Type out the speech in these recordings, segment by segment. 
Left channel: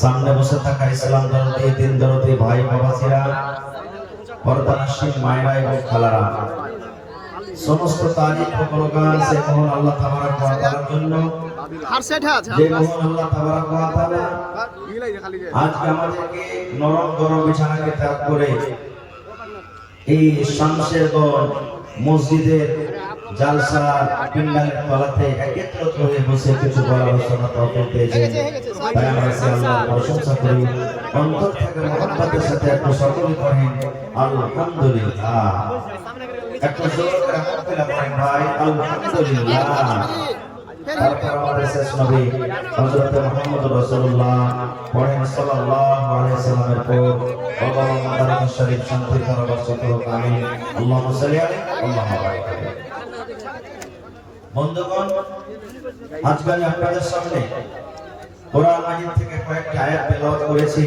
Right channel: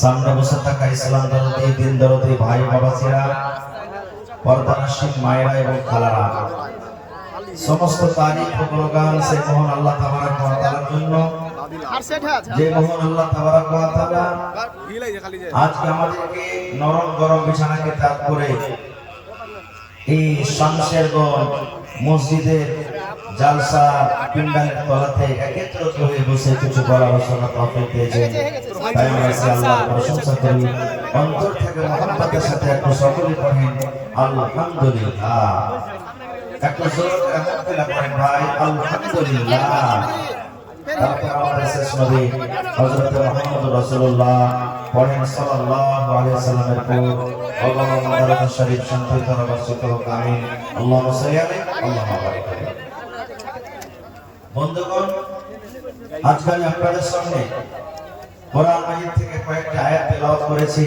সামনে বসে থাকা ইসলাম দরদি দিন দরদি ভাই বাবাজিরা, পর্দানশীল মায়েরা এবং খালারা, সমস্ত তারিফ ও গুণগান সেই মহান আল্লাহ তাবারক ওয়া তাআলার জন্য, যে মহান আল্লাহ তাবারক ওয়া তাআলা আজকে আমাদেরকে নরম গরম বিছানাকে ত্যাগ করে এই শামশেরগঞ্জ মসজিদের জালসা পিন্ডারের তলাতে একত্রিত হয়ে বসে কিছু বলার সঙ্গে তৌফিক দিয়েছেন। তাই আমরা আল্লাহর প্রশংসা করি, অন্তর থেকে মহব্বতের সাথে একটু সকলে করেন আলহামদুলিল্লাহ। একটু জোর করে আলহামদুলিল্লাহ করেন ভাই, আলহামদুলিল্লাহ। তারপর আমাদের শেষ নবী হযরত মুহাম্মদ রাসূলুল্লাহ সাল্লাল্লাহু আলাইহি ওয়াসাল্লামের পর আল্লাহুম্মা দরুদ শরীফ শুনতে তারা বর্ষিত হোক, আমিন। আল্লাহুম্মা সাল্লি আলাইহি আল্লাহুম্মা বারিক আলাইহি। বন্ধুগণ, আজকে আমি আপনাদের সামনে কোরআন মাজিদ থেকে কয়েকটি আয়াত তেলাওয়াত করেছি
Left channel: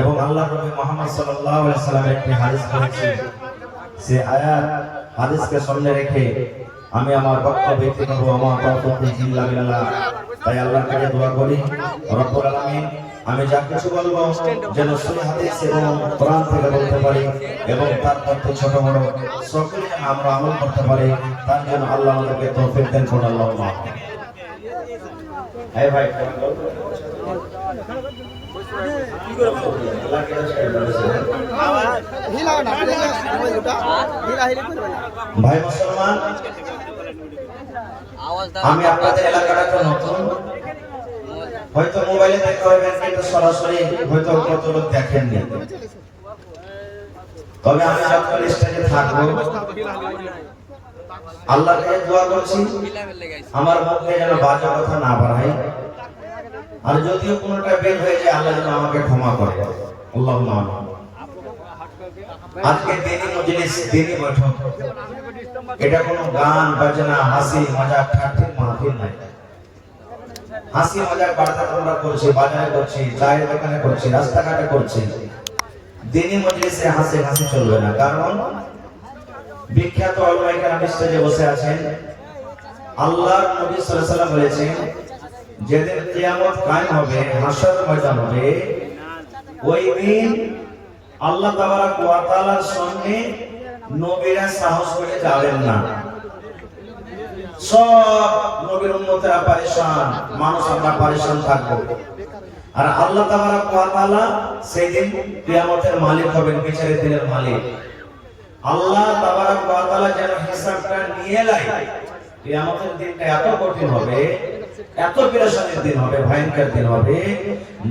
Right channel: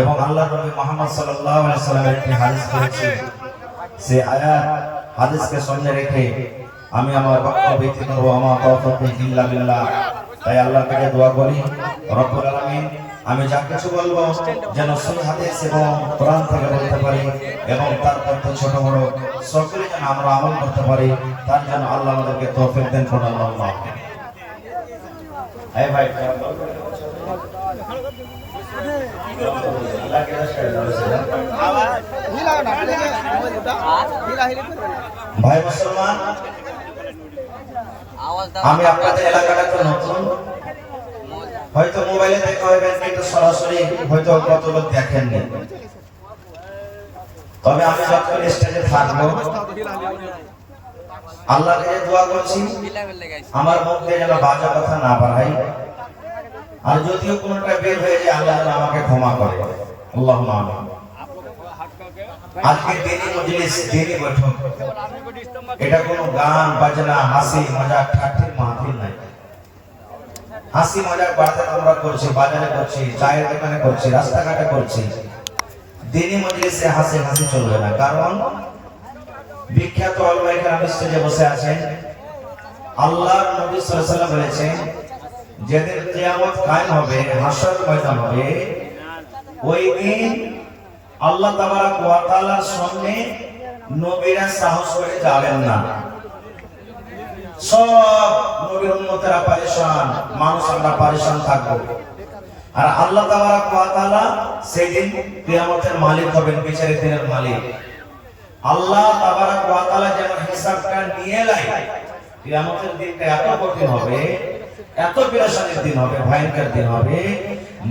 এবং আল্লাহর নবী মুহাম্মদ সাল্লাল্লাহু আলাইহি ওয়াসাল্লামের একটি হাদিস পড়েছি। সেই আয়াত হাদিসকে সামনে রেখে আমি আমার বক্তব্য থেকে আমার তৌফিক ইল্লা বিল্লাহ। তাই আল্লাহর কাছে দোয়া করি, রব্বুল আলামিন আমি যা কিছু বলবো যেন সহি হাদিস এবং কোরআন থেকে বলতে পারি এবং তার মধ্যে ছোট বড় সকলে যেন আমরা আমল করতে পারি, তার জন্য আল্লাহ আমাদেরকে তৌফিক দেন। আল্লাহ এই ভাই ভাই মুসলমান, আমি আপনাদের এলাকাটাতে নতুন, হয়তো মোবাইলে দেখা হবে কিন্তু সরাসরি হয়তো কত লোক দেখেননি, তবে আমি যখন স্টেজে থাকবো আল্লাহর কাছে দোয়া করছি আমার মুখে যেন বাজে কথা না বাড়াই, আর যদিও কোনটা বের হয়ে যায় আল্লাহ আমাকে ক্ষমা করে। আল্লাহুম্মা আমিন। আজকে দিনী মজলিস, দিনী বৈঠক, এটা কোনো গান বাজনা হাসি মজাক ঠাট্টির মাহফিল নাই। হাসি মজাক বার্তা আমরা করছি, বাজারে করছি, চায়ের দোকানে করছি, রাস্তাঘাটে করছি, দিনী মজলিসে হাসি হাসি চলবে না। কারণ বিখ্যাত উলামা এখানে স্টেজে বসে আছেন, আল্লাহর নবী সাল্লাল্লাহু আলাইহি ওয়াসাল্লাম বলেছেন যেদিন কিয়ামত কায়েম হবে, হাসর ময়দান হবে, ওই দিন আল্লাহ তাবারক ওয়া তাআলার সামনে নবীরা সাহস করে যাবেন না। সব নবীর উম্মতেরা পরেশান, মানুষ আমরা পরেশান থাকবো। আর আল্লাহ তাবারক ওয়া তাআলা সেই দিন কিয়ামতের মালিক হবেন, বিচারের দিনের মালিক। আল্লাহ তাবারক ওয়া তাআলা যেন হিসাবটা নিয়ে লাই। কিয়ামতের দিনটা এত কঠিন হবে, এত পেরেশানির দিন হবে, ভয়ঙ্কর দিন হবে,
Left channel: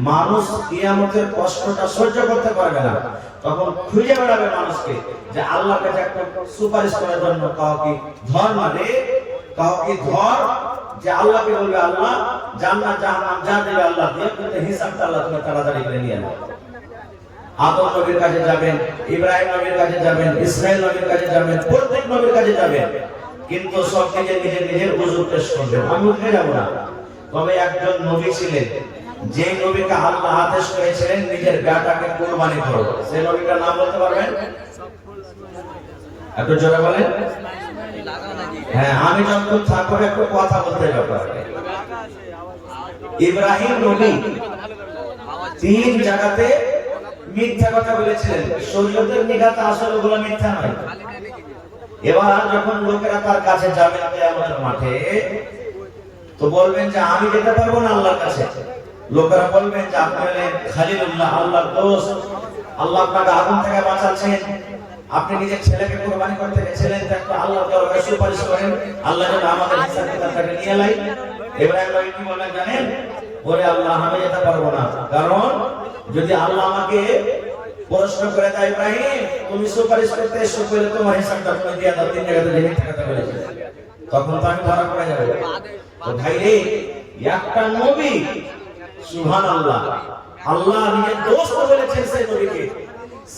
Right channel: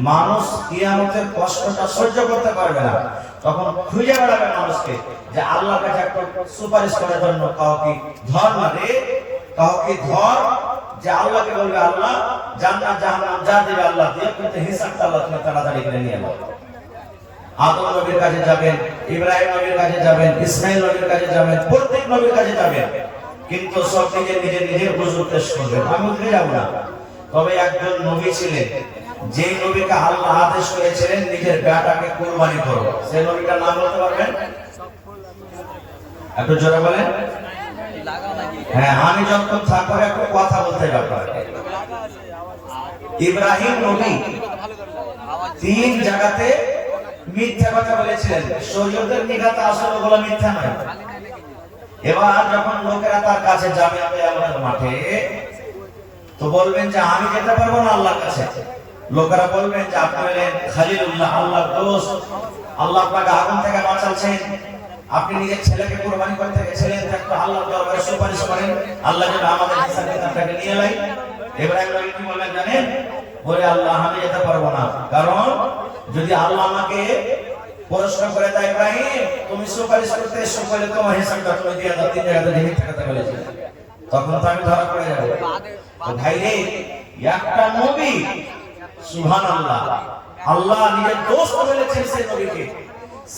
মানুষ কিয়ামতের কষ্টটা সহ্য করতে পারবে না। তখন খুঁজে বেড়াবে মানুষকে যে আল্লাহর কাছে একটা সুপারিশ করার জন্য, কাউ কি ধর মানে কাউ কি ধর, যে আল্লাহকে বলবে আল্লাহ জান্নাত জাহান্নাম যা দেবে আল্লাহ দিয়ে, কিন্তু হিসাবটা আল্লাহ তুমি তাড়াতাড়ি করে নিয়ে নাও। আদম নবীর কাছে যাবেন, ইব্রাহিম নবীর কাছে যাবেন, ইসমাঈল নবীর কাছে যাবেন, প্রত্যেক নবীর কাছে যাবেন, কিন্তু সব নিজের ওযু পেশ করবেন। আমি উঠে যাব না, তবে একজন নবী ছিলেন যে নবীকে আল্লাহ আদেশ করেছিলেন নিজের বেটাকে কুরবানি করো। সেই নবীটার নাম বলতে পারবেন? একটু জোরে বলেন। হ্যাঁ, আমি যখন থাকবো একটু কথা বলতে যাবো। ইব্রাহিম নবী তিন জায়গাতে মিথ্যা কথা বলেছিলেন, শরীয়তের নিগাতে আসলে ওগুলো মিথ্যা নয়। এবার যখন লোকেরা তার কাছে যাবে কিয়ামতের মাঠে, তো বলবেন যে আমি যেতে পারবো না আল্লাহর কাছে। লোকেরা বলবেন যে আপনি হলেন খলিলুল্লাহ, আল্লাহর দোস্ত, আল্লাহ আপনাকে আগুন থেকে বাঁচাচ্ছেন, আপনি নিজের ছেলেকে কুরবানি করতে গেছিলেন, একটু আল্লাহর দরবারে সুপারিশ করেন আল্লাহ যেন আমাদের হিসাব কিতাবটাকে নিয়ে লাই। এবারে আমি কি বলবেন জানেন? বলে আল্লাহ আমি যেতে পারবো না, কারণ যদি আল্লাহ আমাকে প্রশ্ন করে দেয় ইব্রাহিম তুমি সুপারিশ করতে এসো, করে তোমার হিসাবটা তুমি দিয়ে দাও, তিন জায়গাতে যে মিথ্যা কথা বলেছে, তখন তো আমি ধরা পড়ে যাবো। তো ভাই রে, একটা নবী, সুবহানাল্লাহ, আল্লাহ নিজের দোস্ত বলেছেন সেই নবীকে,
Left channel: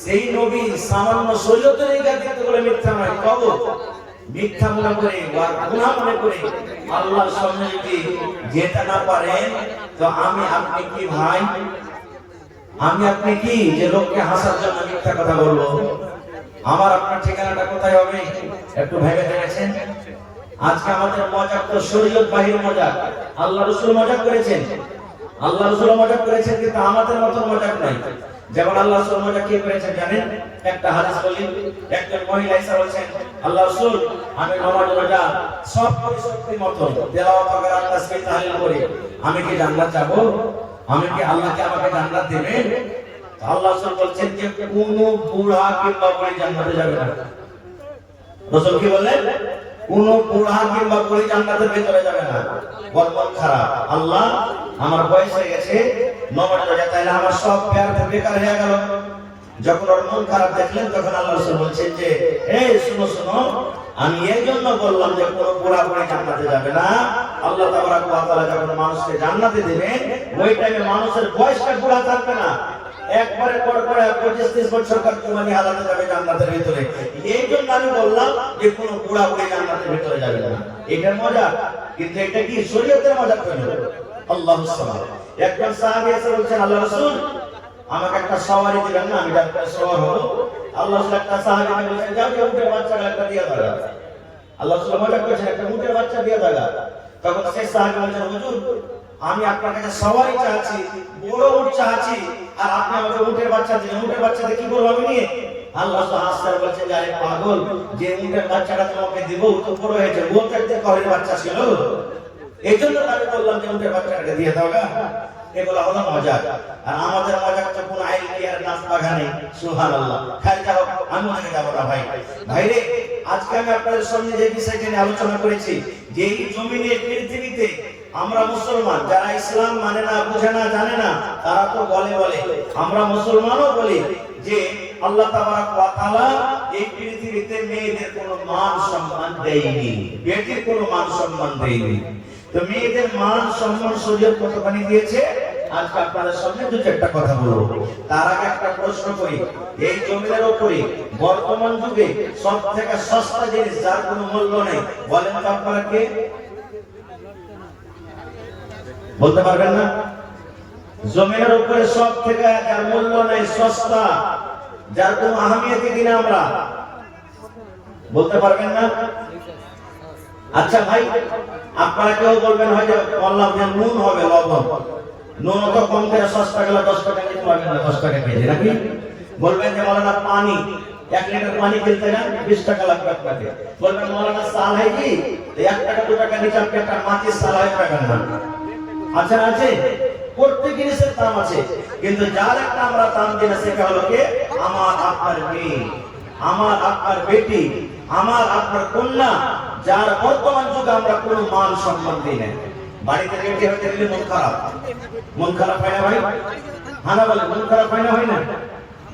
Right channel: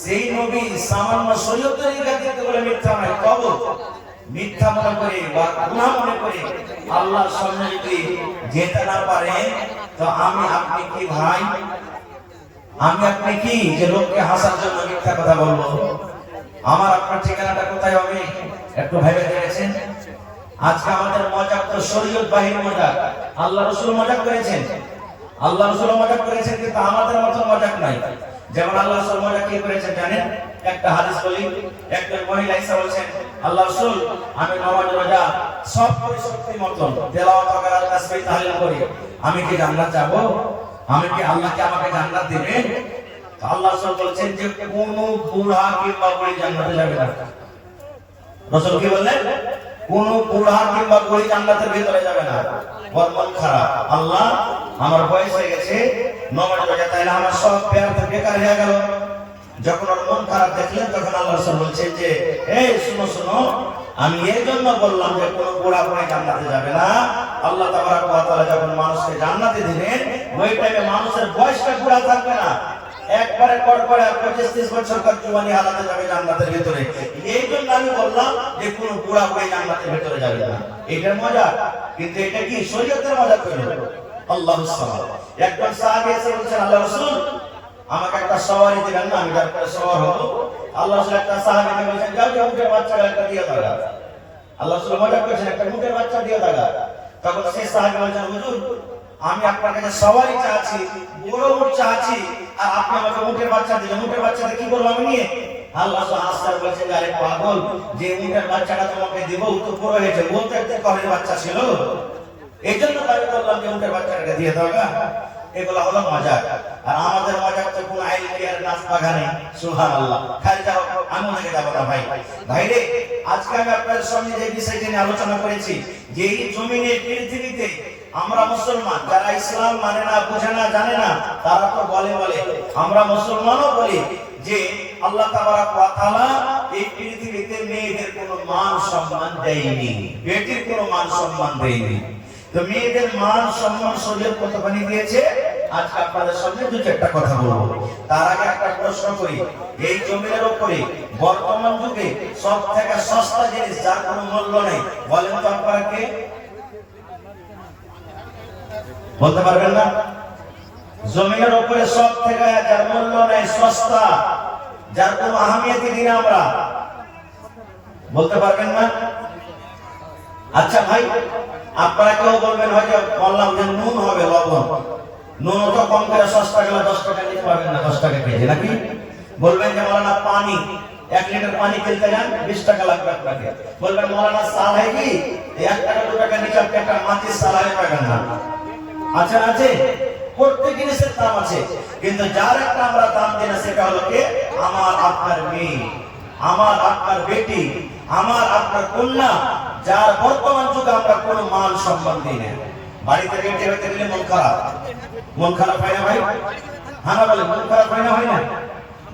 সেই নবী সামান্য শরীয়তের নিগাতে বলে মিথ্যা নয়, কব মিথ্যা মনে করে বা গুনাহ মনে করে আল্লাহর সামনে যদি যেতে না পারে, তো আমি আপনি কি ভাই, আমি আপনি কি যে লোককে হাসার জন্য মিথ্যা কথা বলবো? আমার আপনার ঠিকানাটা কোথায় হবে একটু ভেবে দেখেছেন? আজকে আমাদের মজাক তো শরীয়ত বাহির মজাক, আল্লাহ রাসূল মজাক করেছেন। আল্লাহ রাসূল মজা করেছেন, কিন্তু আমাদের মতো মজা নাই। যেমন আল্লাহ রাসূল মজা কি করেছেন জানেন? একটা হাদিস বলি, একজন মহিলা এসে বলছেন, আল্লাহ রাসূল আমি নামাজ রোজা সব পরিশক্তি মতো তেলাওয়াত করা তাসবিহ তাহলিল করি, আমি কি জান্নাত যাব? আমি কি আল্লাহ কি আমাকে জান্নাত দেবে? আল্লাহ রাসূল বলছেন যে কোনো বুড়া কিংবা বুড়ি জান্নাতে যাবে না। রাসূল কি বললেন? কোনো বুড়া কিংবা বুড়ি জান্নাতের ভিতরে যাবে না। বর্তমান খারাপ, আল্লাহ আমার বয়স হয়ে গেছে, নামাজ রোজা তাইলে আমার সব বেকার হয়ে গেল। যখন ওর মন খারাপ দেখলেন, তখন আল্লাহ রাসূল বলছেন যে এই শুনো শুনো, আমি এই জন্য বললাম যে কোনো বুড়া বুড়ি জান্নাতে যাবে না। আল্লাহ তাবারক ওয়া তাআলা যখন মানুষকে জান্নাতে দিবেন, ওই টাইমে মানুষের বয়সটা বুড়া থাকবে না, একবারে কড়কড়া 25-30 বছরকার জওয়ানি হালাতে যাবে জান্নাতের ভিতরে। এই জন্য আমি বললাম যে কোনো বুড়া বুড়ি জান্নাতের ভিতরে যাবে না। এটা মজা, কিন্তু এটা কি শরীয়তের মজা কেন? আল্লাহু সুবহান। একজন সাহাবী এসে বলছেন, আল্লাহ রাসূল আমাকে একটা সওয়ারি দিবেন না, আমি যার উপরে সওয়ার হব। আল্লাহ রাসূল একটা সাহাবীকে বলছেন, যাও উটের বাচ্চা একটা দিয়ে দাও। আল্লাহ রাসূল মজা করেছেন, একটা উটের বাচ্চা দিয়ে দাও। তখন সেই সাহাবী বলছেন, হুজুর আমি আপনার কাছে সওয়ারি চাচ্ছি, বড় উট চাচ্ছি, আর আপনি আমাকে উটের বাচ্চা দিলেন, উটের বাচ্চাতে কি করব আমি নিয়ে? আল্লাহ রাসূল হাসতে বলছেন, আরে পাগল, যে উটের বাচ্চাটা তোমাকে দিব ও তো বড় হয়েছে, ও তো একটা ঘরের বাচ্চা ছিল, এইজন্য আমি বললাম যে উটের বাচ্চাটাকে দিয়ে দাও। এগুলো হলো মজাক। আর আমাদের মজাক তো কোনো আইলি আর নাচ বাগানে, সুবহানাল্লাহ। খালি যাও, আমি ওদিকে যাব না ভাই। ভাইরে, আজকে আমি আপনাদের সামনে যে বিষয়টি নিয়ে আলোচনা করেছি, যে এই জমিনে পৃথিবীতে আমরা মুসলমান, যারা ইসলাম মানে না, বুঝে না, জানে না, তারা তো বলে আমরা মুসলমানও বলি যে আল্লাহ তাবারক ওয়া তাআলা এই পৃথিবীতে মেয়েদের কোনো মান সম্মান দেয়নি, বেটির কোনো মান সম্মান দেয়নি। তো মেয়েদের মান সম্মান সুযোগ কতখানি দিয়েছে, আজকে আপনাদের সামনে দু চারটা কথা বলবো। তার আগে একটা প্রশ্ন করি, এই জমির উপরে বর্তমান যুগে সব থেকে সস্তা জিনিস যার কোনো মূল্য নেই, বলেন তো আপনারা কে? বলতে পারবেন না? জমির উপরে সব থেকে যার মূল্য নেই, সস্তা, যার কোনো আহমিয়ত দিই না আমরা, বলতে পারবেন না? আচ্ছা ভাই, আপনারা কেউ বলবেন হয়তো বললাম যে নুন হবে, লবণ, নুন তো কম করে সস্তা গেলে 10 টাকা নিতে পারবেন না, 10 টাকা কেজি নাকি? বলবেন যে মৌলানা পানি, 1 লিটার পানি কিনতে গেলে 20 টাকা লাগবে আপনাকে। বলবেন মৌলানা সাল है কি 1 টাকা 2 টাকা নিচে আপনি একটা মাটির সাল হয়ে পাবেন না। আচ্ছা আছে, প্রত্যেক জিনিসের দাম আছে, কিন্তু যার একটা আমরা দাম দিই না সেটা হলো কি আমার আপনার মেয়ে, আমার আপনার বেটি, আমার আপনার কন্যা, যার বর্তমান যুগে আমরা কোনো মান সম্মান দিই না। বাড়িতে বেটি হতে গেলে মন খারাপ হয় না ভাই? হ্যাঁ না বলে, মন খারাপ হয় না? হয় না?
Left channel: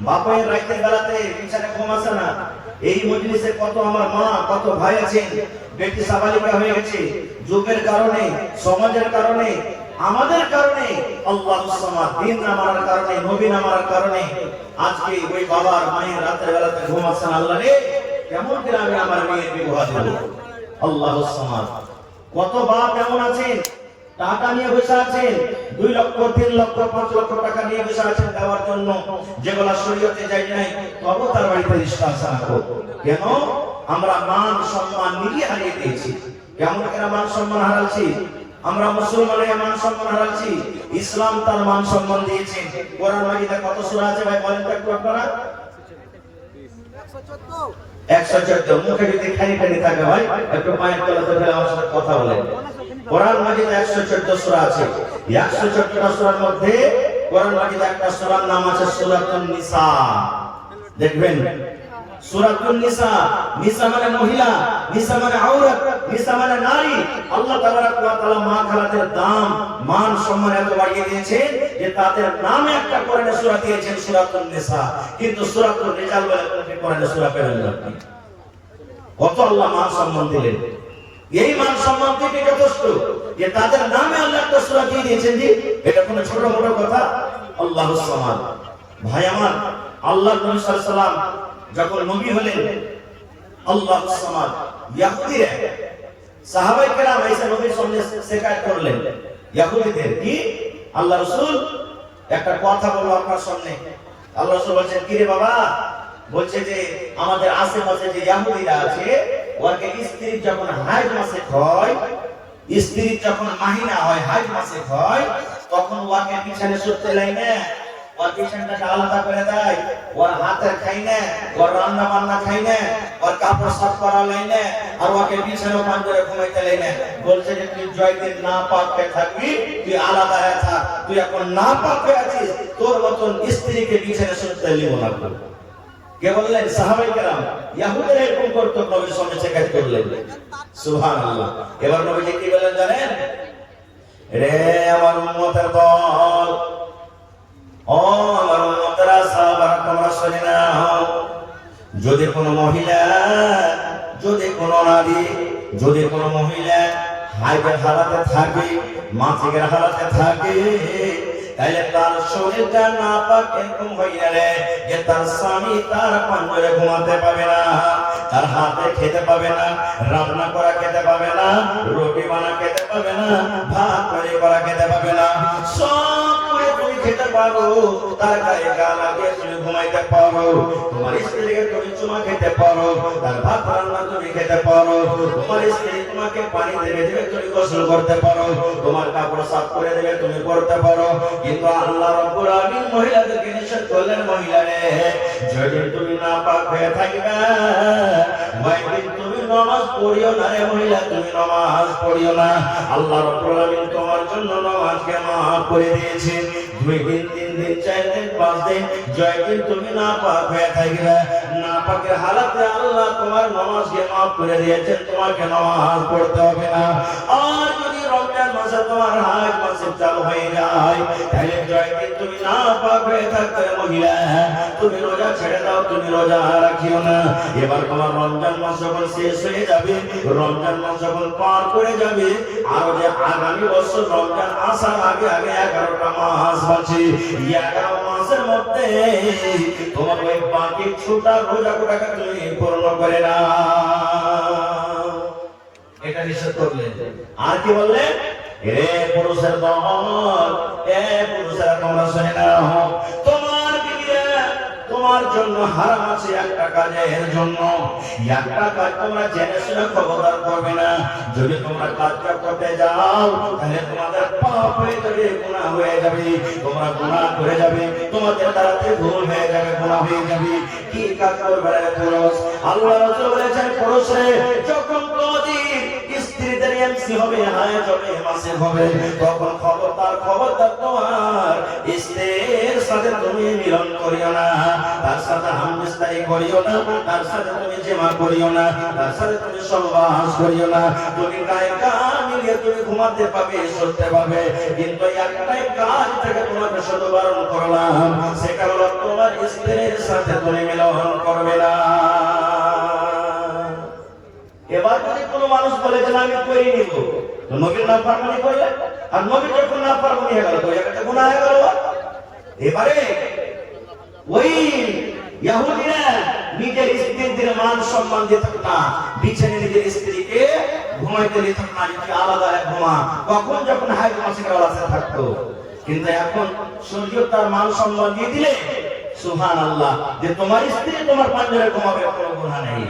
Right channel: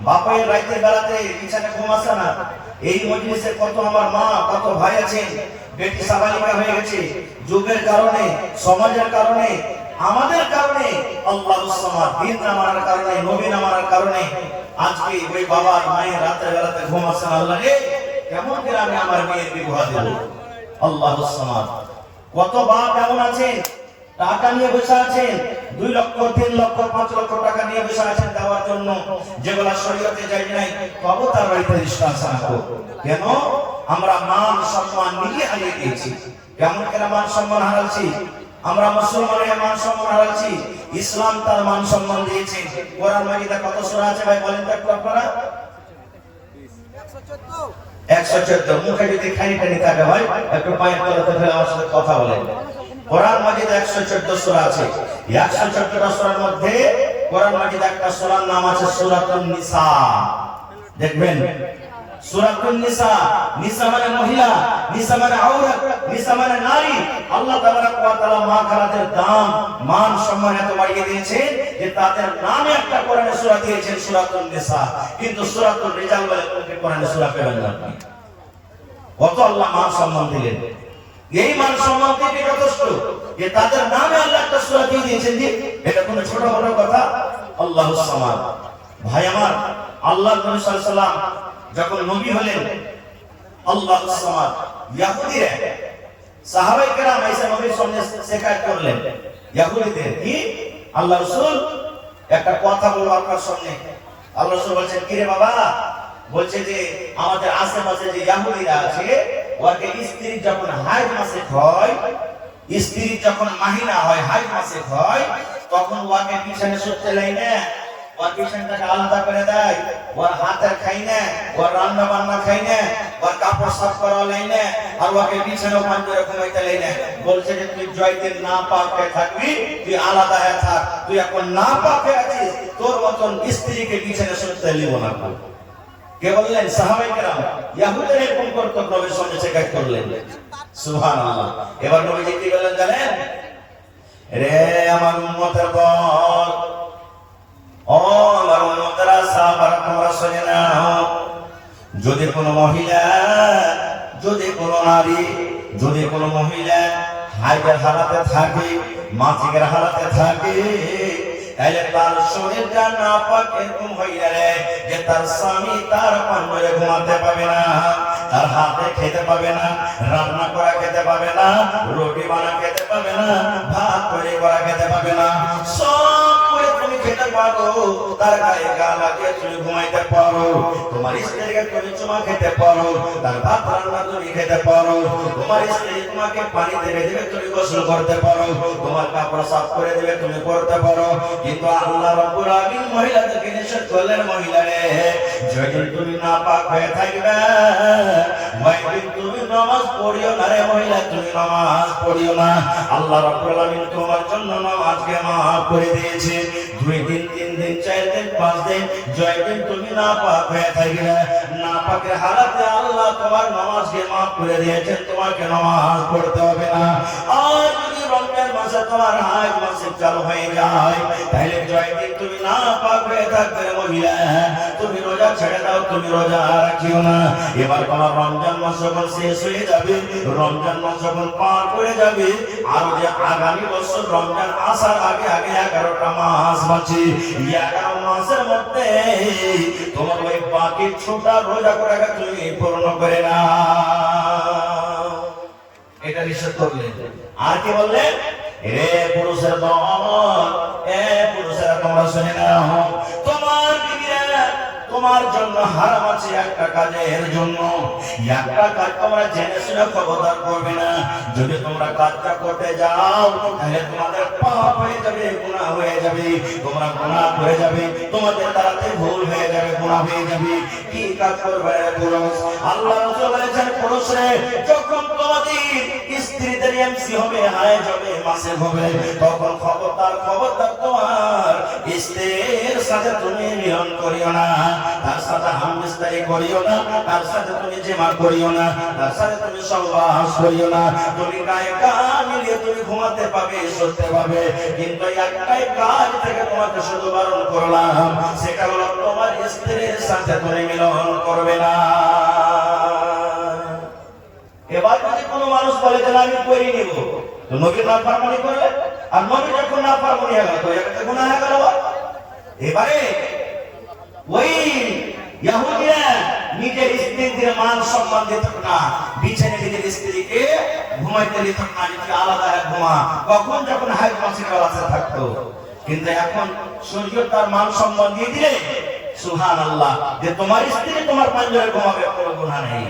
বাপের রাতের বেলাতে বিছানায় ঘুম আসে না। এই মজলিসে কত আমার মা, কত ভাই আছেন, বেটি সাবালিকা হয়ে গেছে, যুগের কারণে, সমাজের কারণে, আমাদের কারণে, আল্লাহু সামাদ, দিন না মানার কারণে, নবী না মানার কারণে আজকে ওই বাবার মায়ের রাতের বেলাতে ঘুম আসে না। আল্লাহ রে, কেমন করে আমি আমার মেয়ের বিবাহ দেব? আল্লাহু সামাদ। কত বাপ এমন আছেন, টাকা নিয়ে বসে আছেন, 2 লক্ষ 3 লক্ষ 5 লক্ষ টাকা নিয়ে বসে আছেন দেওয়ার জন্য, যেগুলো শরীয়তে যায় নাই, তবে তার বাড়িতে রিস্ট্রাকশন করব। কেন? আমরা মান সম্মান নিজে হারিয়ে দিয়েছি। কেমন করে মান সম্মান হারাচ্ছি? আমরা মুসলমানের মান সম্মান হারাচ্ছি, ইসলাম তার মান সম্মান দিয়েছে। কোরআন মাজিদে কত সূরা আছে ভাই বলেন তো একটু আপনারা? 114। মুখে যদি খালি থাকে ভাই, একটু পায়ের তলাতে ফেলে আমার সাথে কথা বলেন। কোরআন মাজিদে 114 সূরা আছে। 114টা সূরার মধ্যে কোরআন মাজিদে একটা সূরার নাম আছে সূরাতুন নিসা। দেখবেন সূরাতুন নিসা, নিসা মানে মহিলা, নিসা মানে আওরাত, নিসা মানে নারী। আল্লাহ তাবারক ওয়া তাআলা মা খালাতের দাম, মান সম্মান এত বাড়িয়ে দিয়েছেন যে তাদের নামে একটা কোরআনে সূরা দিয়েছেন সূরাতুন নিসা, কিন্তু সূরাতুন রিজাল বলে কোরআনে সূরা পেলেন না। কত আল্লাহ মান সম্মান দিলেন, এই মান সম্মান থেকে যথেষ্ট যে তাদের নামে আল্লাহ একটা সূরা দিয়ে দিয়েছেন। জি, এটা কোনো ছোট বড় কথা? আল্লাহু সামাদ। ভাই আমার, আল্লাহর নবী সাল্লাল্লাহু আলাইহি সাল্লাম যখন নবী হলেন, আল্লাহু সামাদ, ইহুদিরা সাহাবায়ে কেরাম এসে নবীর সামনে শিকায়ত করলেন। ইহুদিদের কি আল্লাহ রাসূল একটা কথা বলবো আপনার সামনে। আল্লাহ রাসূল বলেন, কি রে বাবা? বলছে যে আমাদের আশেপাশে যে ইহুদিরা আছে, ওকে স্ত্রী যখন হাইজ মাসে হয়, স্ত্রী যখন মাহিনা হয়, হাইজ মাসে হয়, তখন ওকে বিছানে শুতে লাই না, ওর বিছানাটাকে আলাদা করে দেয়, ওর হাতের খাই না, ওর রান্না বান্না খাই না, ওর কাপড় সাফ করা লাই না, আর ওকে বিছানা পাঞ্জরে ঘুমাইতে লাই না। বলছে যে তুই জয়দিন না পাকে থাকবি, তুই আলাদা হয়ে থাক, তুই এখন না পাকে আছিস, তোর মতন স্ত্রীকে বিছানে শুতে লিব না। কে বললেন? সাহাবায়ে কেরাম। ইহুদিরা এরকম করতো, নবীর সামনে শিকায়ত করলেন। সুবহানাল্লাহ। এবার নবীজি কি বলেন জানেন? রে আমার উম্মতের দল, ও আমার উম্মতেরা, সাহাবা তোমরা শুনে নাও, যদি কোনো মহিলা, যদি কোনো নারী, যদি কোনো মহিলা হাইজের হালাতে থাকে, মাসিকের হালাতে থাকে, তাহলে তার শরীরটা নাপাক এরকম হয়ে গেলে যে তার স্বামী তার পাঞ্জরে ঘুমাতে পাবে না, তার হাতে খেতে পাবে না, রান্না করা খেতে পাবে না, রুটি বানা খেতে পাবে না, ভাত তৈরি করা খেতে পাবে না। সব করে তুমি খেতে পারো, তার গায়ে গা লাগিয়ে তুমি ঘুমাইতে পারো, তোমার স্ত্রীকে তুমি চুমা খেতে পারো, তার ভাত রান্না তুমি খেতে পারো, তোমার স্ত্রী তোমাকে পানি দেবে দেবে তুমি গোসল করতে পারো, তোমার কাপড় সাফ করে দেবে তুমি করতে পারো। কিন্তু আল্লাহ রাব্বুল আলামিন মহিলাদেরকে নিষেধ করলেন, মহিলারে যদি তুমি না পাক হয়ে থাকবে, ওই তুমি নামাজ পড়িও না রে মহিলা, তুমি নামাজ পড়িও না। আল্লাহ রাব্বুল আলামিন তোমার জন্য নামাজকে মাফ করে দিয়েছে। 2 দিন 3 দিন 4 দিন 5 দিন যদি তুমি না পাক হয়ে থাকবে, না পাকের হালাতে আল্লাহ তোমার নামাজকে মাফ করে দিয়েছেন, তোমাকে নামাজ পড়তে হবে না। আর যদি রমজান মাসে তোমার হাজ মাসে চালু হয়ে যায়, তাহলে যদি তুমি না পাক হয়ে থাকবে মহিলা, তুমি রোজা ছেড়ে দাও, তুমি রোজা রাখিও না। এবার তোমার রমজান মাস যখন শেষ হয়ে যাবে, রমজান মাস যখন পার করে যাবে, আর যে আগামী বছর রমজান আসার আগে আগে 11টা মাস আছে, 11 মাসের মধ্যে তোমার ওই বাকি ছোটা রোজা করাকে তুমি পূর্ণ করে না। এটা নিষেধ করলেন। আর কি বললেন? রে পুরুষের দল, এ পুরুষেরা তোমরা শুনে নাও, তোমার বিবিরা তোমার জন্য হারাম আছে একটা কাজের জন্য, একটা কাজ তোমরা জেনে শুনে খবরদার করবে না। যদি তোমরা কাজটা করতে যাও, তাহলে তোমাদের পাপ হয়ে যাবে, গুনাহ হয়ে যাবে, তোমরা গুনাহ করে যাবে, তোমাদের দ্বারাতে ভুল হয়ে যাবে, গুনাহ হয়ে যাবে। কি কাজ করবে পুরুষ? আল্লাহ রাসূল বলেছেন, পুরুষে যখন তোমাদের স্ত্রীদের এমসি হবে, আয় যাবে, মাসে হবে, তখন খবরদার খবরদার তোমার স্ত্রীর সাথে তুমি মিলন করিও না, তার সাথে হামবিস্তারি করিও না, তার সাথে তুমি জিমা করিও না, তার সাথে তুমি সহবাস করিও না। তুমি গায়ে গা মিলিয়ে তুমি ঘুমাতে পাবে, শুতে পাবে, কিন্তু একটাই কাজ থেকে তোমাকে শুধু বারণ করলাম, সেটা হলো তোমার স্ত্রীর সাথে তুমি মিলন করবে না। এবার যদি কোনো মানুষ বলে যে আমি করে নিব, তো নবীর নাফরমানি করবে, আর নবী যখন নাফরমানি হয়ে গেল, তো এটা গুনাহ হয়ে গেল। এবারে ওই ইহুদিরা নিজের স্ত্রীদের মান সম্মান দিত না, বিছানায় নিজের স্ত্রীকে ঘুমাইতে দিত না, নিজে আলাদা ঘুমা, কখন যখন হাইজ মাসিকের বেলা থাকতো। কিন্তু এখন শরীয়ত তার মান সম্মান দিয়ে দিলে, সুবহানাল্লাহ, যে তোমার স্ত্রী তোমার পাঞ্জরে ঘুমাবে, কোনো গুনাহ নেই।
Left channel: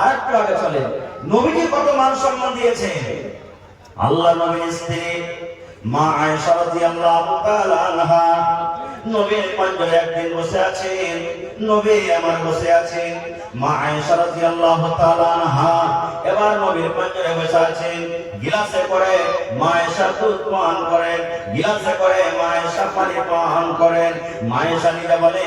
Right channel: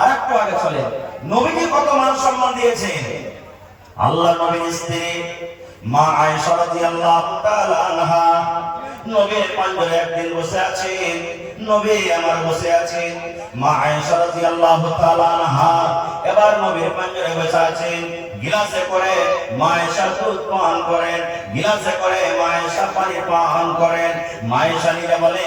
আরেকটা আগে চলে, নবীজি কত মান সম্মান দিয়েছেন। আল্লাহ নবীর স্ত্রী মা আয়েশা রাদিয়াল্লাহু তাআলা আনহা নবীর পাঞ্জরে একদিন বসে আছেন, নবী আমার বসে আছেন, মা আয়েশা রাদিয়াল্লাহু তাআলা আনহা এবার নবীর পাঞ্জরে বসে আছেন, গিলাসে করে মা আয়েশা দুধ পান করেন, গিলাসে করে মা আয়েশা পানি পান করেন। মা আয়েশা নিজে বলে,